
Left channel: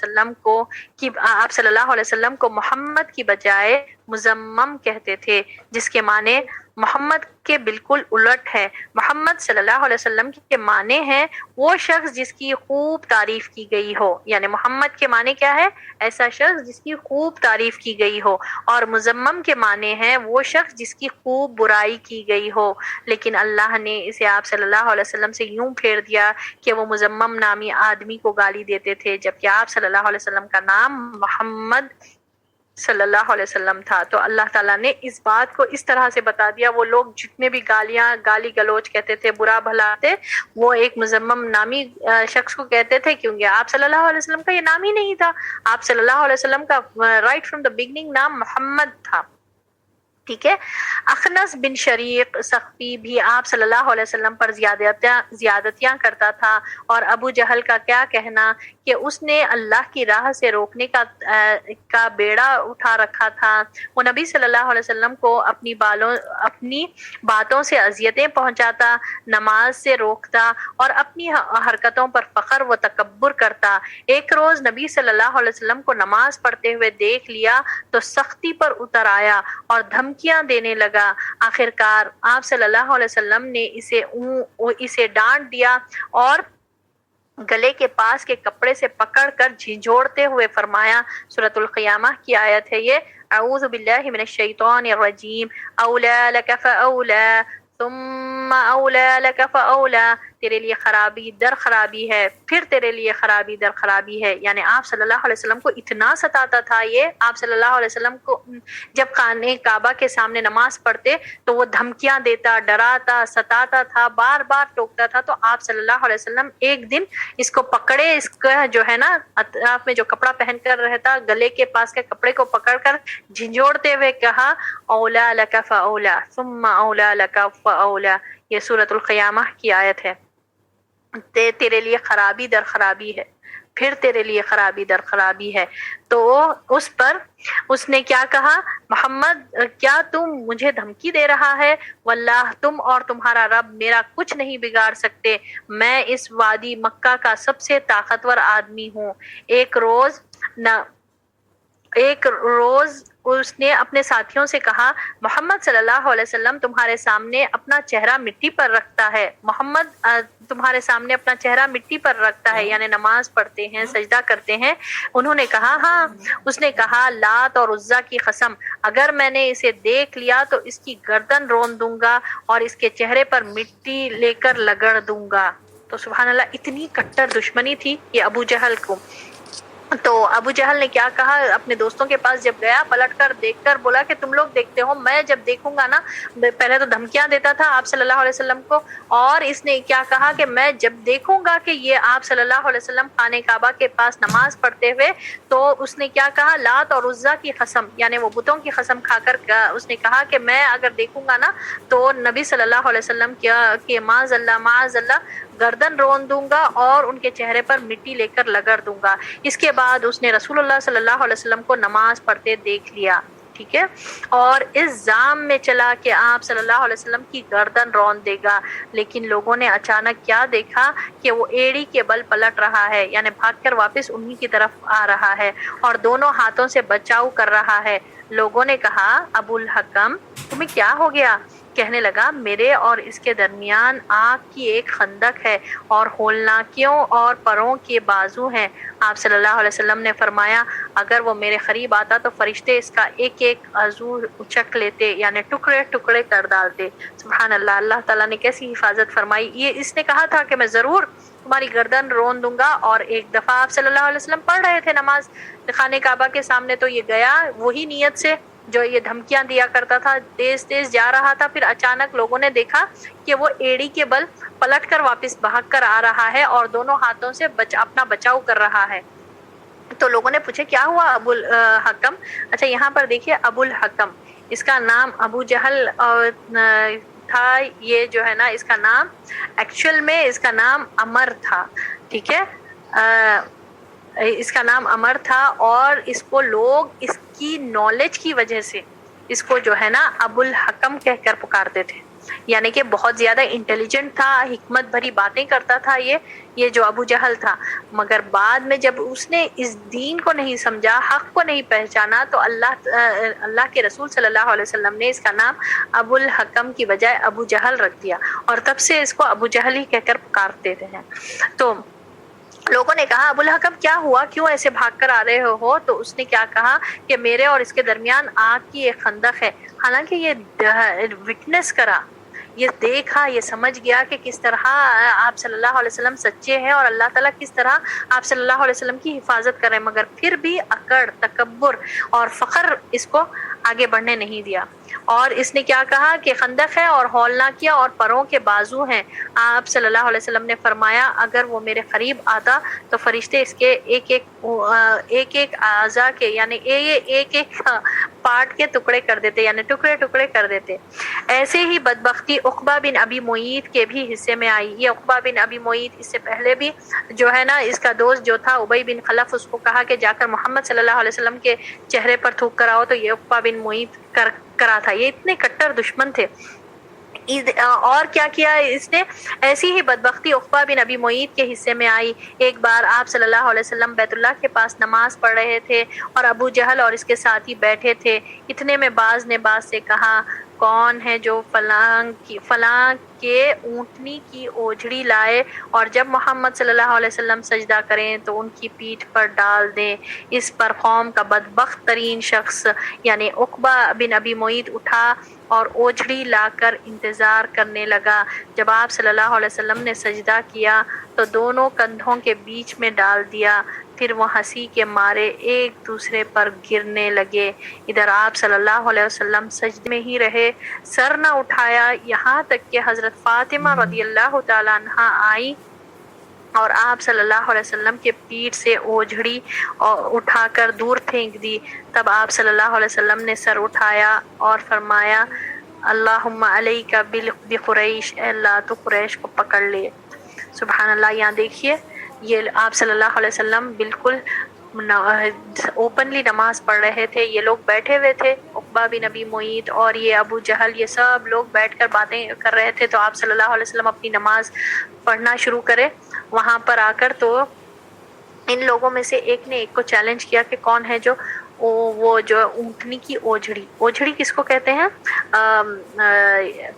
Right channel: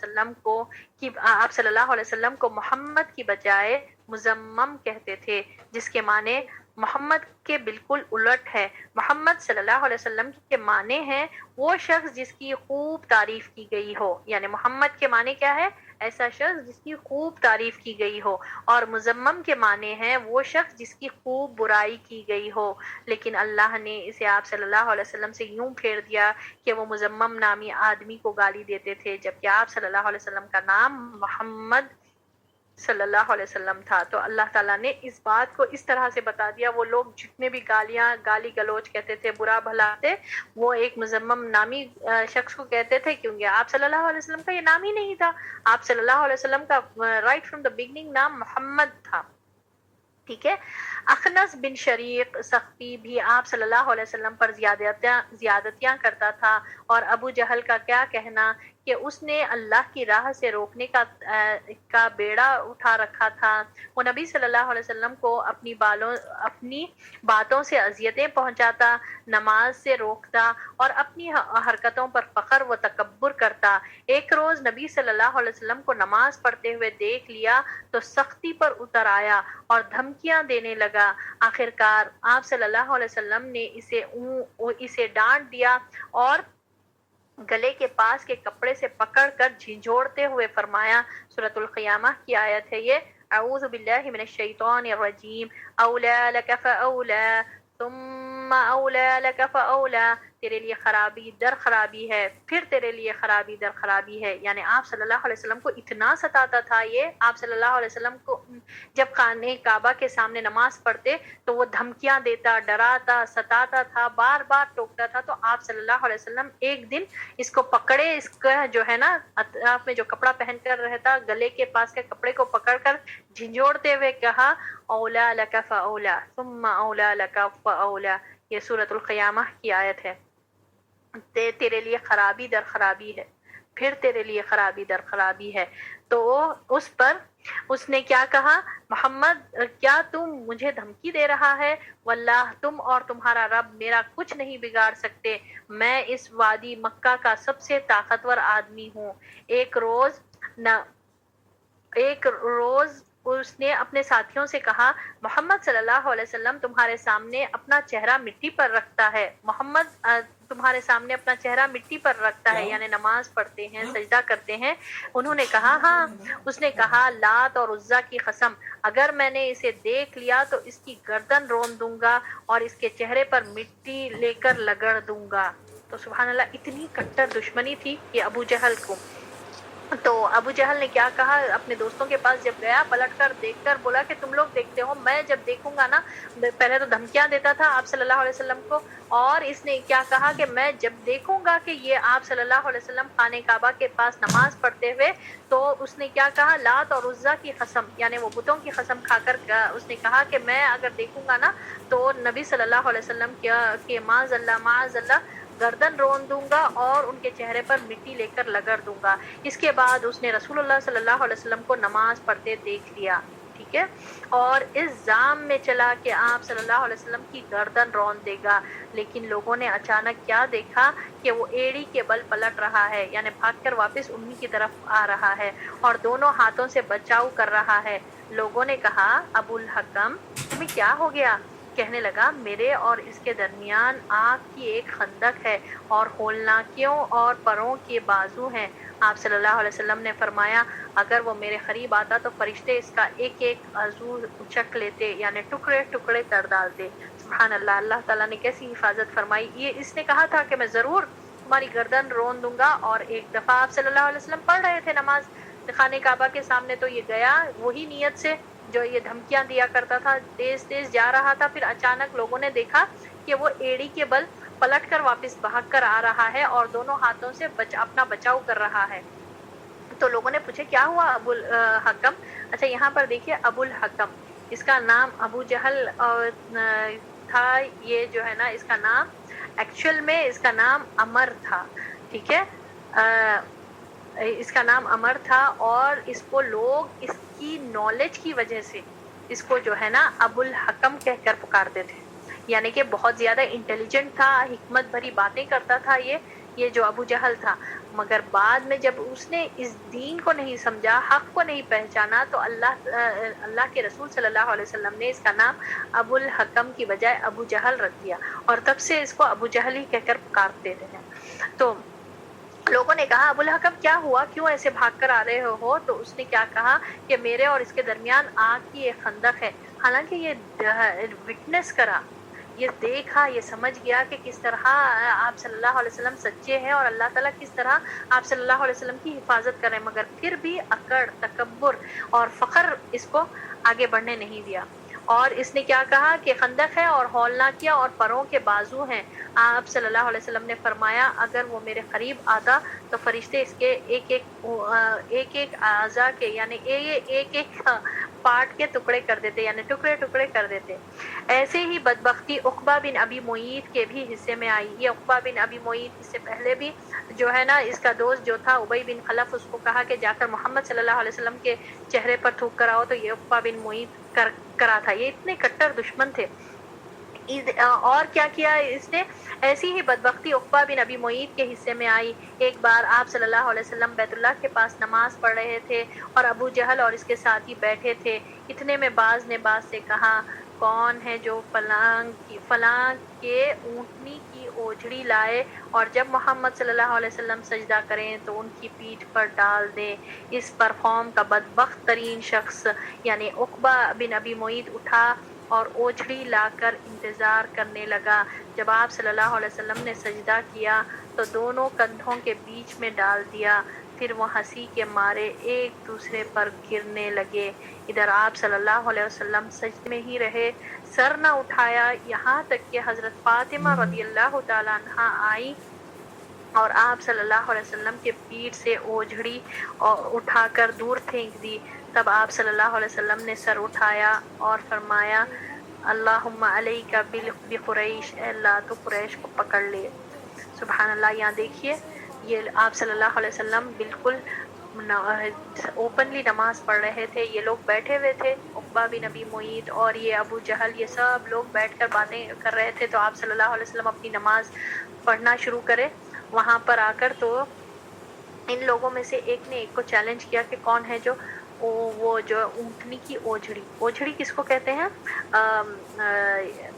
وسلم کو محمد کی بجائے مزمم کہتے تھے، جس کے معنی محمد کے بالکل الٹ ہے۔ محمد صلی اللہ علیہ وسلم کے معنی ہیں وہ شخص جس کی خوب تعریف کی گئی ہو، یعنی محمد کے معنی کیا ہے؟ ایسا شخص جس کی خوب تعریف کی گئی ہو، اور مزمم کے معنی ہیں وہ شخص جس کی خوب برائی کی گئی ہو۔ لیکن اللہ نے اسے آپ صلی اللہ علیہ وسلم سے یوں پھیر دیا کہ وہ مزمم نامی آدمی کو گالی دیتے تھے، جبکہ آپ صلی اللہ علیہ وسلم کا نام محمد صلی اللہ علیہ وسلم تھا۔ تو اللہ تعالیٰ نے اس بات کو اس طرح سے بتا دیا، وہ لوگ جتنے بھی گالی گلوچ کہتے تھے، برا بھلا تھے، وہ ایک مزمم نامی شخص کو کہتے تھے، کیونکہ آپ صلی اللہ علیہ وسلم کا یہ نام ہی نہیں تھا۔ آپ صلی اللہ علیہ وسلم کا رائٹ فرام دا بگننگ نام محمد تھا، ٹھیک ہے۔ اخنس بن شریق سخفی بھی آپ صلی اللہ علیہ وسلم پر زیادتیاں کرتا تھا، اور ابو جہل کا کیا کہنا کہ اس نے اللہ کی راہ سے روکنے کا بیڑا اٹھا رکھا تھا۔ وہ نبی صلی اللہ علیہ وسلم کو اپنی باتوں سے اذیتیں پہنچاتا، نماز سے روکتا اور اپنی حرکتوں پر فخر و تکبر کرتا۔ ایک روز نبی صلی اللہ علیہ وسلم کو نماز پڑھتے ہوئے دیکھ لیا تو سختی پر اتر آیا اور دھمکیاں دینے لگا۔ آخرکار آپ صلی اللہ علیہ وسلم نے اسے ڈانٹ دیا اور گلے کے پاس کے کپڑے سے پکڑ کر جھنجھوڑتے ہوئے فرمایا، سورۃ القیامہ کی آیت ہے یہ، اعوذ باللہ من الشیطان الرجیم، اولا لک فاولا ثم اولا لک فاولا، تیرے لیے خرابی در خرابی ہے، پھر تیرے لیے خرابی در خرابی ہے۔ یعنی آپ صلی اللہ علیہ وسلم کو اتنا ستاتا تھا یہ، آپ صلی اللہ علیہ وسلم کو جب خانہ کعبہ کے سامنے نماز پڑھتے تو وہ دھمکیاں دیتا، ڈراتا، ستاتا تھا، بار بار ٹوکتا تھا۔ تو آپ صلی اللہ علیہ وسلم ایک دن اس کو پکڑے، اس کا جو ہے نا اطراف میں جو کپڑا پہن کر رہتا، گلے کے پاس کے کپڑے کو پکڑ کر جھنجھوڑتے ہوئے کہا، اولا لک فاولا ثم اولا لک فاولا، یہ سورۃ القیامہ کی آیت ہے، تیرے لیے خرابی در خرابی ہے، پھر تیرے لیے خرابی در خرابی ہے۔ تو اس نے کیا کہا، محمد کیا تم مجھے دھمکی دے رہا ہے؟ واللہ تم اور تمہارا رب میرا کچھ نہیں بگاڑ سکتے، میں اس وادی مکہ کا سب سے طاقتور آدمی ہوں۔ ایک روز اس نے اپنے ساتھیوں سے کہا، محمد صلی اللہ علیہ وسلم تمہارے سامنے اپنا چہرہ مٹی پر رکھتا ہے، محمد تمہارے سامنے اپنا چہرہ مٹی پر رکھتا ہے، یعنی نماز پڑھتے ہیں، سجدہ کرتے ہیں۔ انہوں نے کہا ہاں۔ اس نے کہا، لات اور عزا کی قسم، اگر میں نے اسے دیکھ لیا تو اس کی گردن رون دوں گا اور اس کے چہرے پر مٹی لے کر لگڑ دوں گا۔ تو سبحان اللہ، اتنی کٹر دشمنی تھی یہ ابو جہل کو۔ تو ابو جہل نے کیا کہا، اپنے دوستوں کے پاس جب گیا، پلٹ کر دیکھ کر بولا کہ تم لوگ دیکھتے ہو، میں جب دیکھوں گا نا، پہلے تو دھمکیاں دیتا تھا آپ صلی اللہ علیہ وسلم کو، اور اس نے کیا کہا کہ میں جب دیکھوں گا کہ یہ آپ صلی اللہ علیہ وسلم خانہ کعبہ کے پاس نماز پڑھتے ہوئے، تو اس نے کیا کہا، لات اور عزا کی قسم، یعنی وہ بتوں کی قسم کھا کر اس نے کہا کہ میں اگر دیکھوں گا نا تو نبی صلی اللہ علیہ وسلم کے معاذ اللہ گردن رون دوں گا اور ان کے چہرے پر مٹی لے کر لگڑ دوں گا۔ اس کے بعد اس نے رسول اللہ صلی اللہ علیہ وسلم کو نماز پڑھتے دیکھ لیا، ٹھیک ہے، اور اس ظام میں چلا کہ آپ صلی اللہ علیہ وسلم کی گردن رون دے گا۔ لیکن لوگوں نے اچانک کیا دیکھا کہ وہ ایڑی کے بل پلٹ رہا ہے، یعنی بھاگ کر واپس انہی کی طرف آ رہا ہے اور دونوں ہاتھوں سے بچاؤ کر رہا ہے۔ لوگوں نے کہا، ابو الحکم تمہیں کیا ہو گیا؟ کہنے لگا، میرے اور اس کے درمیان آگ کی ایک خندق ہے اور ہولناکیوں اور پروں کے بازو ہیں۔ آپ صلی اللہ علیہ وسلم نے فرمایا، اگر وہ میرے قریب آتا تو فرشتے اس کا ایک ایک عضو اچک لیتے، یعنی ٹکڑے ٹکڑے کر ڈالتے۔ سبحان اللہ، اللہ تعالیٰ نے کیسی حفاظت فرمائی۔ یہ اس نے کہا تھا کہ میں ضرور تمہاری گردن رون دوں گا، اور ایک دفعہ آپ صلی اللہ علیہ وسلم پڑھ رہے تھے نماز خانہ کعبہ کے سامنے، تو یہ گیا وہی نیت سے جو یہ دھمکیاں دیا کرتا تھا، تیز تیز جا رہا تھا، پھر اچانک لوگوں نے دیکھا کہ وہ ایڑی کے بل پلٹ کر واپس بھاگ کر آ رہا ہے اور دونوں ہاتھوں سے اپنا بچاؤ کر رہا ہے۔ تو لوگوں نے پوچھا کیا ہوا ابو الحکم؟ اچھا یہاں پر دیکھیے، ابو الحکم، اس کا نام ابو جہل تھا، یہ جو ہے نا اس کا نام ایکچوئل میں اس کا نام عمر تھا، ٹھیک ہے، اس کا نام عمر تھا، اور اس کو لوگ اس کی نالج کی وجہ سے اس کو جو ہے نا ابو الحکم کہہ کر پکارتے تھے۔ یعنی کہ بہت زیادہ انٹیلیجنٹ تھا، حکمت بھری باتیں کرتا تھا یہ جو ابو جہل تھا، مگر بعد میں جب اس نے اس دین کو نہیں سمجھا، حق کو نہیں پہچانا، تو اللہ کے رسول صلی اللہ علیہ وسلم نے اس کا نام ابو الحکم کی بجائے ابو جہل رکھ دیا، اور تب سے اس کو ابو جہل ہی کہہ کر پکارتے ہیں۔ تو لوگوں نے کہا ابو الحکم کیا ہوا، کیوں ایسے بھاگ کر آ رہے ہو؟ تو اس نے کیا کہا کہ میرے اور اس کے درمیان آگ کی ایک خندق ہے۔ حالانکہ یہ وٹنس کرا، یہ دیکھا، یہ سمجھ گیا کہ کس طرح آپ صلی اللہ علیہ وسلم سچے ہیں اور اللہ تعالیٰ کس طرح آپ صلی اللہ علیہ وسلم کی حفاظت کریں، مگر پھر بھی اکڑ، تکبر اور فخر اس کو آگے بڑھنے نہیں دیا، اور اس نے کیا کہا کہ خندق ہے اور ہولنا کیا اور پروں کے بازو ہیں۔ آپ صلی اللہ علیہ وسلم نے فرمایا اگر وہ میرے قریب آتا تو فرشتے اس کے ایک اعضاء کے یعنی ایک پارٹ کے ٹکڑے کر دیتے، یعنی ٹکڑے ٹکڑے کر دیتے۔ ایسے ہی بدبختی عقبہ بن ابی معیط کے بھی حصے میں آئی۔ یہ عقبہ بن ابی معیط اس سے پہلے بھی جو ہے نا، اس کا دوست جو تھا ابی بن خلف، اس کو کہا کہ جا کر محمد صلی اللہ علیہ وسلم کے چہرے پر تھوک کر آؤ، تو یہ عقبہ بن معیط کرا تھا۔ یہ اتنے کٹر دشمن تھے۔ اور کیا کیا اس نے؟ ایسی ہی بدبختی عقبہ بن ابی معیط کے حصے میں آئی۔ ایک بار آپ صلی اللہ علیہ وسلم بیت اللہ کے پاس نماز پڑھ رہے تھے اور ابو جہل اور اس کے ساتھی بیٹھے تھے۔ اتنے میں باز نے باز سے کہا کون ہے جو فلاں کے اونٹنی کی اوجھڑی لائے اور جب محمد صلی اللہ علیہ وسلم سجدہ کریں تو ان کی پیٹھ پر ڈال دیں۔ اس پر قوم کا بدبخت ترین شخص یعنی عقبہ بن ابی معیط اٹھا اور اوجھڑی لا کر انتظار کرنے لگا۔ جب آپ صلی اللہ علیہ وسلم نے سجدہ کیا تو دونوں کندھوں کے بیچ میں ڈال دیا، پھر وہ ہنسی کے مارے ایک دوسرے پر گرنے لگے۔ ادھر آپ صلی اللہ علیہ وسلم سجدے میں ہی رہے، سر نہ اٹھایا، یہاں تک کہ حضرت فاطمہ رضی اللہ تعالیٰ عنہا آئی اور آپ صلی اللہ علیہ وسلم کے پیٹھ سے اوجھڑی اٹھا کر دور پھینک دی۔ تب آپ صلی اللہ علیہ وسلم نے سر اٹھایا اور فرمایا اللہم علیک بقریش، اے اللہ تو قریش کو پکڑ لے۔ سبحان اللہ۔ یہاں دیکھیے یہ آپ صلی اللہ علیہ وسلم بالکل اوپنلی نماز پڑھ رہے تھے، یہ لوگ بیٹھے ہوئے تھے، عقبہ بن ابی معیط اور یہ ابو جہل، یہ سب لوگ بیٹھ کر باتیں کر رہے تھے، تو آپ صلی اللہ علیہ وسلم اپنی نماز پڑھنا شروع کرے۔ وہاں پر آ کر تو ان لوگوں میں سے ایک نے ایک کو چیلنج کیا کہ کون ہے جو وہ جو اونٹنی کی اوجھڑی کس کو کہتے ہیں؟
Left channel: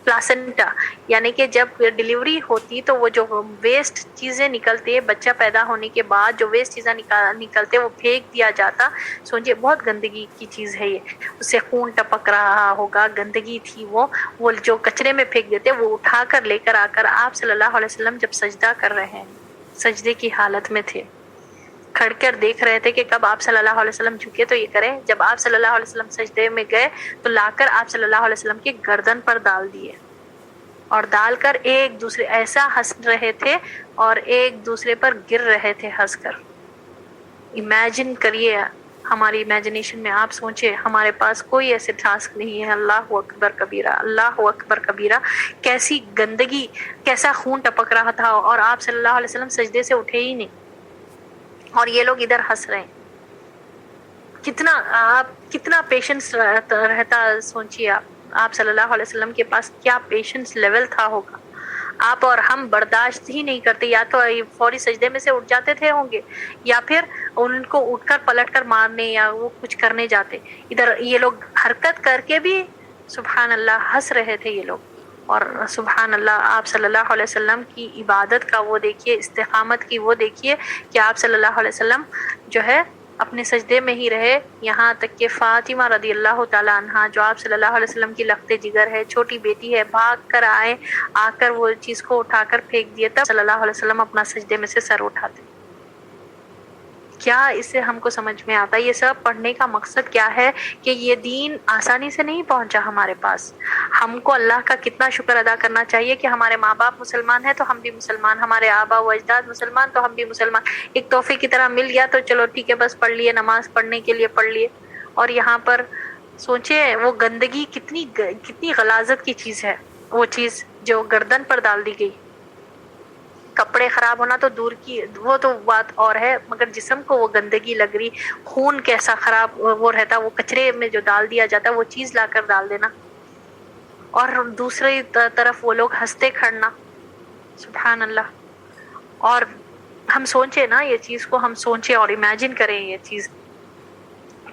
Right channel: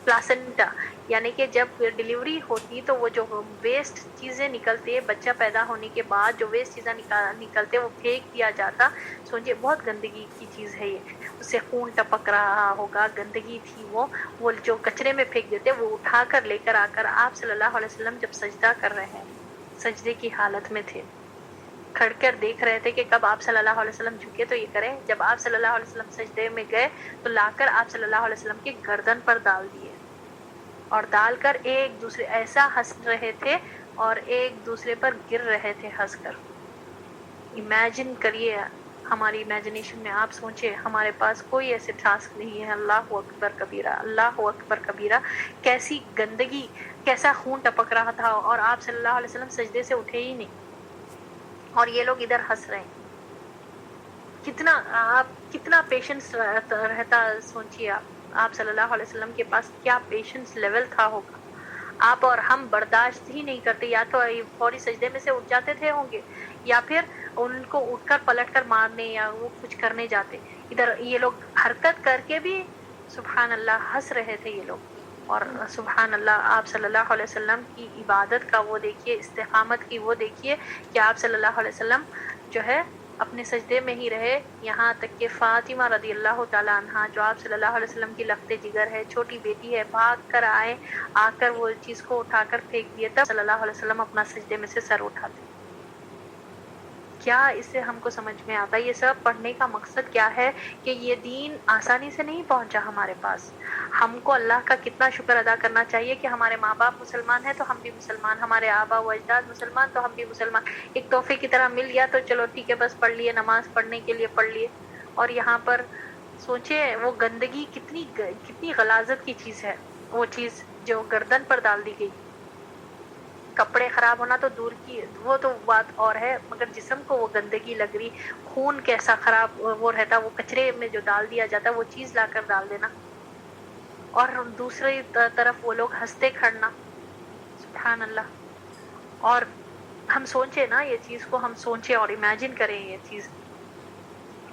پلاسنٹا، یعنی کہ جب ڈیلیوری ہوتی تو وہ جو ویسٹ چیزیں نکلتی ہے بچہ پیدا ہونے کے بعد، جو ویسٹ چیزیں نکلتے وہ پھینک دیا جاتا۔ سوچئے بہت گندگی کی چیز ہے یہ، اس سے خون ٹپک رہا ہوگا، گندگی تھی وہ جو کچرے میں پھینک دیتے، وہ اٹھا کر لے کر آ کر آپ صلی اللہ علیہ وسلم جب سجدہ کر رہے ہیں، سجدے کی حالت میں تھے، کھڑ کر دیکھ رہے تھے کہ کب آپ صلی اللہ علیہ وسلم جھکے تو یہ کریں۔ جب آپ صلی اللہ علیہ وسلم سجدے میں گئے تو لا کر آپ صلی اللہ علیہ وسلم کی گردن پر ڈال دیے، اور ڈال کر ایک دوسرے ایسا ہنس رہے تھے اور ایک دوسرے پر گر رہے تھے ہنس کر۔ امیجن کریے، ہماری امیجنیشن میں آپ سوچے، ہمارے پاس کوئی ایسے ٹاسک نہیں ہے۔ اللہ اکبر کبیرہ، اللہ اکبر کبیرہ، کیسی گندگی، کیسا خون ٹپک رہا تھا، اور آپ صلی اللہ علیہ وسلم سجدے سے اٹھے ہی نہیں، اور یہ لوگ ادھر ہنس رہے ہیں۔ کتنا پیشنس رہتا، سوچیے آپ صلی اللہ علیہ وسلم کے پاس کیا پیشنس لیول تھا ہوگا۔ آپ اور ہم برداشت ہی نہیں کرتے، یا تو فوری سجدے میں سے اٹھ جاتے تھے ہوں گے، یا پھر ان کو اٹھ کر پلٹ کر مارنے یا وہ کچھ کرنے جاتے۔ ادھر یہ لوگ حرکت کر کے بھی سبحان اللہ ہنس رہے تھے یہ لوگ۔ اور سبحان اللہ، آپ صلی اللہ علیہ وسلم کی عبادت کا وہ دیکھیے، استقامت کی وہ دیکھیے کہ آپ صلی اللہ علیہ وسلم جو ہے اپنے سجدے میں ہی رہے، یہاں تک کہ فاطمہ رضی اللہ تعالیٰ عنہا جو آپ صلی اللہ علیہ وسلم کی لخت جگر ہے، چھوٹی بیٹی ہے، بھاگ کر آئے، آ کر وہ چیز کو اٹھا کر پھینک دیے، تب صلی اللہ علیہ وسلم اپنا سجدے میں سے سر اٹھاتے۔ کیا اس سے ہم کو سمجھ میں آتا ہے؟ یہ سب پڑھنے کا مقصد کیا ہے کہ یہ دین آسانی سے نہیں پہنچا ہمارے پاس۔ ہم کو اللہ کا کتنا شکر ادا کرنا چاہیے کہ ہمارے ماں باپ مسلمان ہیں تو ہم بھی مسلمان، ہمارے آبا و اجداد مسلمان تو ہم بھی مسلمان، ایک تحفے کی طرح مل گیا تو چلو ٹھیک ہے، بس پڑھ لیے، نماز پڑھنے کے لیے پڑھ لیے۔ اور یہاں پر سوچیں وہ گندگی کتنی غلاظت کی چیز ہے، وہ چیز جو گردن پر ڈال دی گئی۔ کپڑے خراب ہونا تو دور کی، وہ تو بات اور ہے، مگر جسم کو وہ گندگی لگ رہی، خون کیسا خراب وہ رہتا، وہ کچرے میں جو ڈال دیا جاتا وہ چیز لا کر ڈال دینا۔ اور دوسری طرف وہ لوگ ہنستے کھڑنا. سبحان اللہ. اور ہم سوچے نا یہ چیز کو، ہم سوچے اور امیجن کریں یہ چیز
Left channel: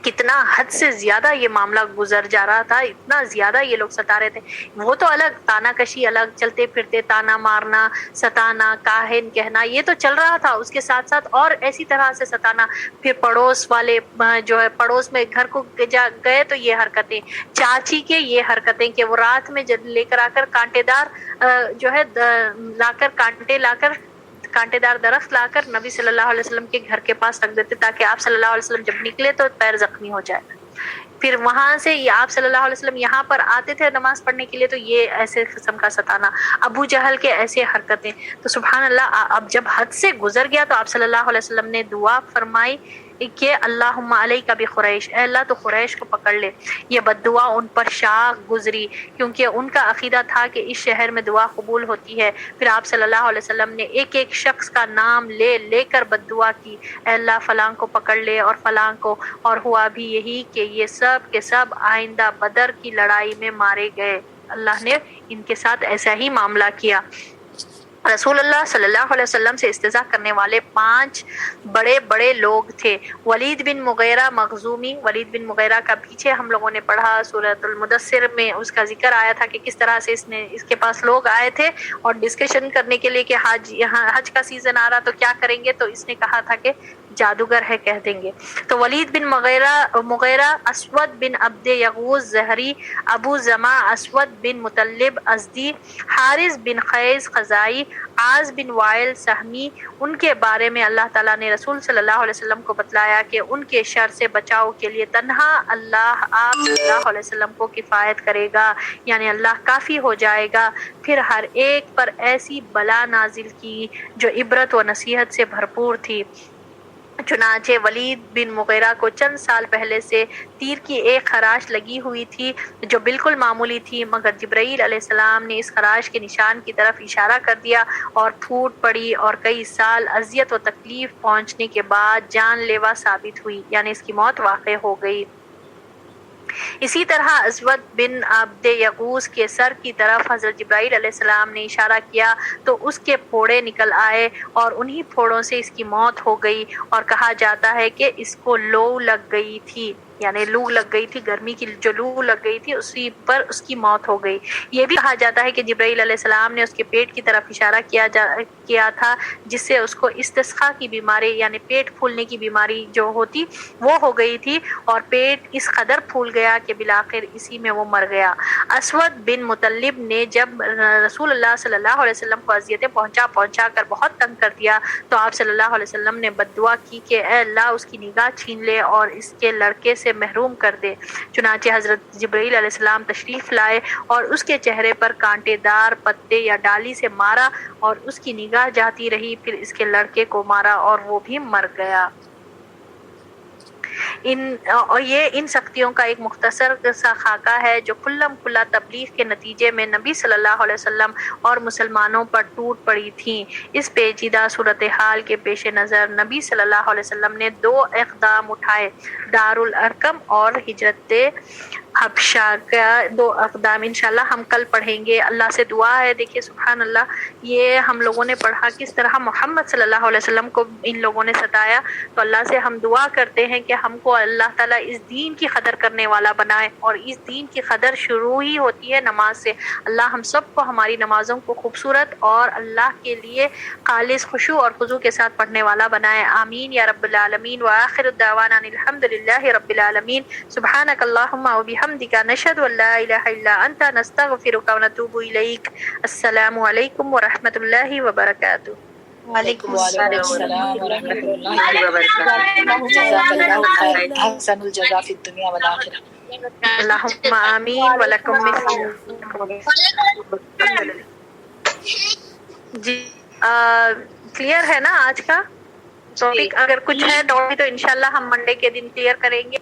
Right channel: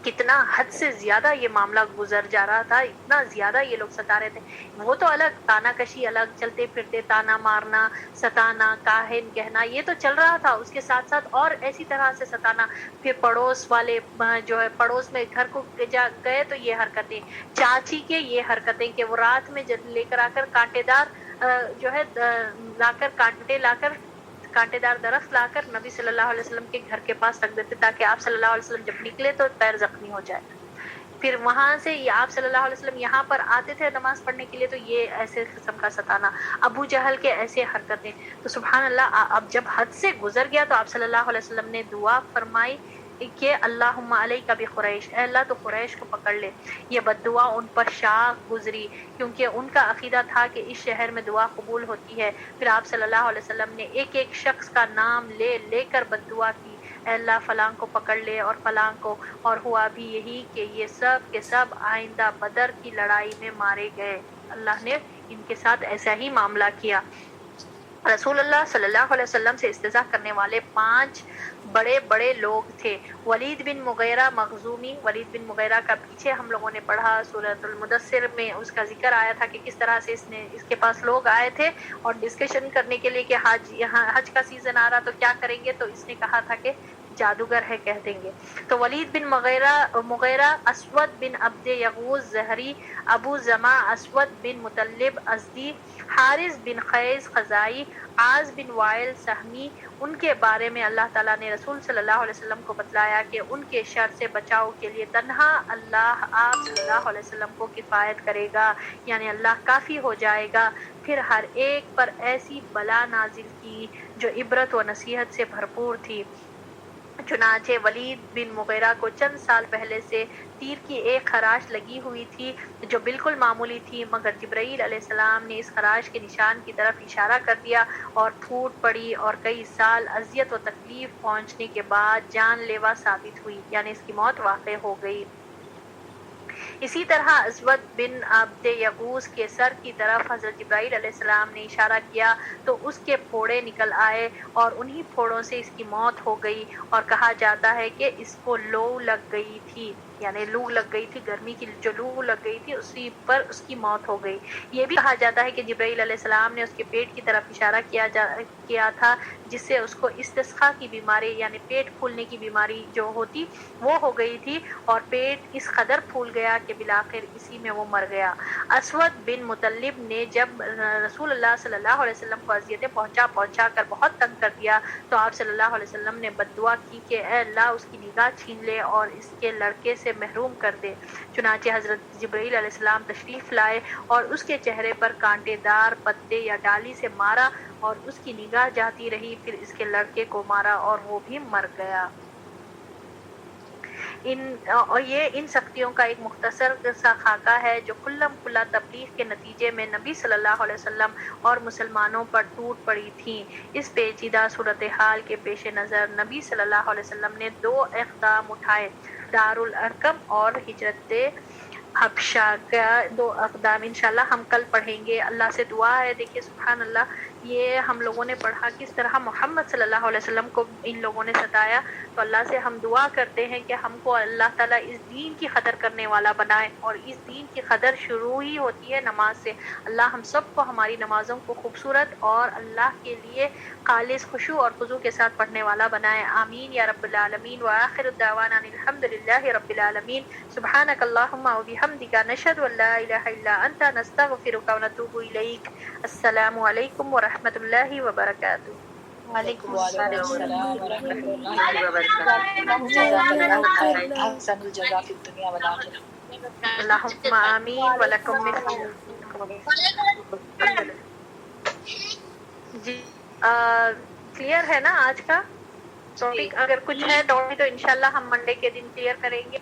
کتنا حد سے زیادہ یہ معاملہ گزر جا رہا تھا، اتنا زیادہ یہ لوگ ستا رہے تھے. وہ تو الگ، تانا کشی الگ، چلتے پھرتے تانا مارنا، ستانا، کاہن کہنا، یہ تو چل رہا تھا. اس کے ساتھ ساتھ اور ایسی طرح سے ستانا. پھر پڑوس والے جو ہے پڑوس میں گھر کو گئے تو یہ حرکتیں، چاچی کے یہ حرکتیں کہ وہ رات میں جب لے کر آ کر کانٹے دار جو ہے لا کر کانٹے دار درخت لا کر نبی صلی اللہ علیہ وسلم کے گھر کے پاس رکھ دیتے تاکہ آپ صلی اللہ علیہ وسلم جب نکلے تو پیر زخمی ہو جائے. پھر وہاں سے آپ صلی اللہ علیہ وسلم یہاں پر آتے تھے نماز پڑھنے کے لیے تو یہ ایسے قسم کا ستانا. ابو جہل کے ایسے حرکتیں. تو سبحان اللہ، اب جب حد سے گزر گیا تو آپ صلی اللہ علیہ وسلم نے دعا فرمائی کہ اللہم علیک بقریش، اے اللہ تو قریش کو پکڑ لے. یہ بد دعا ان پر شاق گزری کیونکہ ان کا عقیدہ تھا کہ اس شہر میں دعا قبول ہوتی ہے. پھر آپ صلی اللہ علیہ وسلم نے ایک ایک شخص کا نام لے کر بد دعا کی، اے اللہ فلاں کو پکڑ لے اور فلاں کو. اور ہوا بھی یہی کہ یہ سب کے سب آئندہ بدر کی لڑائی میں مارے گئے. اللہ نے ان کے ساتھ ایسا ہی معاملہ کیا. رسول اللہ صلی اللہ علیہ وسلم سے استہزاء کرنے والے 5 بڑے بڑے لوگ تھے. ولید بن مغیرہ مخزومی. ولید بن مغیرہ کا پیچھے ہم لوگوں نے پڑھا سورۃ المدثر میں، اس کا ذکر آیا تھا کہ کس طرح سے اس کے پاس لوگ آئے تھے اور ڈسکشن کرنے کے لیے کہ حج کا سیزن آ رہا تو کیا کریں گے. تو اس نے کہا تھا کہ جادوگر ہے کہہ دیں گے. تو ولید بن مغیرہ، اسود بن عبد یغوث زہری، ابو زما اسود بن مطلب ازدی، حارث بن قیس خزائی، عاص بن وائل سہمی، ان کے بارے میں اللہ تعالیٰ نے رسول صلی اللہ علیہ وسلم کو بتلایا کہ ان کے شر سے بچاؤ کے لیے تنہا اللہ آپ صلی اللہ علیہ وسلم کو کفایت کرے گا، یعنی اللہ کافی ہو جائے گا. پھر ہر ایک پر ایسی بلا نازل کی جو عبرت و نصیحت سے بھرپور تھی. چنانچہ ولید بن مغیرہ کو چند سال پہلے سے تیر کی ایک خراش لگی ہوئی تھی جو بالکل معمولی تھی، مگر جبرائیل علیہ السلام نے اس خراش کے نشان کی طرف اشارہ کر دیا اور پھوٹ پڑی اور کئی سال اذیت و تکلیف پہنچنے کے بعد جان لیوا ثابت ہوئی، یعنی اس کی موت واقع ہو گئی. اسی طرح اسود بن عبد یغوث کے سر کی طرف حضرت جبرائیل علیہ السلام نے اشارہ کیا تو اس کے پھوڑے نکل آئے اور انہی پھوڑوں سے اس کی موت ہو گئی. اور کہا جاتا ہے کہ اس کو لو لگ گئی تھی، یعنی لو لگ گئی تھی، گرمی کی جو لو لگ گئی تھی اسی پر اس کی موت ہو گئی. یہ بھی کہا جاتا ہے کہ جبرائیل علیہ السلام نے اس کے پیٹ کی طرف اشارہ کیا تھا جس سے اس کو استسقاء کی بیماری یعنی پیٹ پھولنے کی بیماری جو ہوتی وہ ہو گئی تھی اور پیٹ اس قدر پھول گیا کہ بالآخر اسی میں وہ مر گیا. اسود بن مطلب نے جب رسول اللہ صلی اللہ علیہ وسلم کو اذیتیں پہنچا کر بہت تنگ کر دیا تو آپ صلی اللہ علیہ وسلم نے بد دعا کی کہ اے اللہ اس کی نگاہ چھین لے اور اس کے لڑکے سے محروم کر دے. چنانچہ حضرت جبرائیل علیہ السلام تشریف لائے اور اس کے چہرے پر کانٹے دار پتے یا ڈالی سے مارا اور اس کی نگاہ جاتی رہی، پھر اس کے لڑکے کو مارا اور وہ بھی مر گیا. یہ ان سختیوں کا ایک مختصر سا خاکہ ہے جو کلم کلا تبلیغ کے نتیجے میں نبی صلی اللہ علیہ وسلم اور مسلمانوں پر ٹوٹ پڑی تھیں. اس پیچیدہ صورتحال کے پیش نظر نبی صلی اللہ علیہ وسلم نے 2 اقدام اٹھائے، دارالارقم اور ہجرت حبشہ کا 2 اقدام. انشاءاللہ ہم کل پڑھیں گے. اللہ سے دعا ہے، دیکھیے سبحان اللہ، یہ ہم لوگوں نے پڑھا کس طرح محمد صلی اللہ علیہ وسلم کو ان لوگوں نے ستایا. تو اللہ سے ہم دعا کرتے ہیں کہ ہم کو اللہ تعالیٰ اس دین کی قدر کرنے والا بنائے، اور اس دین کی قدر شروع ہی ہوتی ہے نماز سے. اللہ ہم سب کو ہماری نمازوں کو خوبصورت اور اللہ کے لیے خالص خشوع اور خضوع کے ساتھ پڑھنے والا بنائے. آمین یا رب العالمین. وآخر دعوانا الحمد للہ رب العالمین. سبحانک اللہم و بحمدک نشہد ان لا الہ الا انت نستغفرک و نتوب الیک. السلام علیکم ورحمۃ اللہ وبرکاتہ. وعلیکم السلام ورحمۃ اللہ وبرکاتہ. جزاک اللہ خیر، احسن الجزاء فی الدنیا والآخرہ. اللہم آمین ولکم مثل. جی کلیئر ہے نا آج کا ٹاپک؟ اگر کچھ ہے تو انشاءاللہ ہم منڈے کے دن کلیئر کریں گے.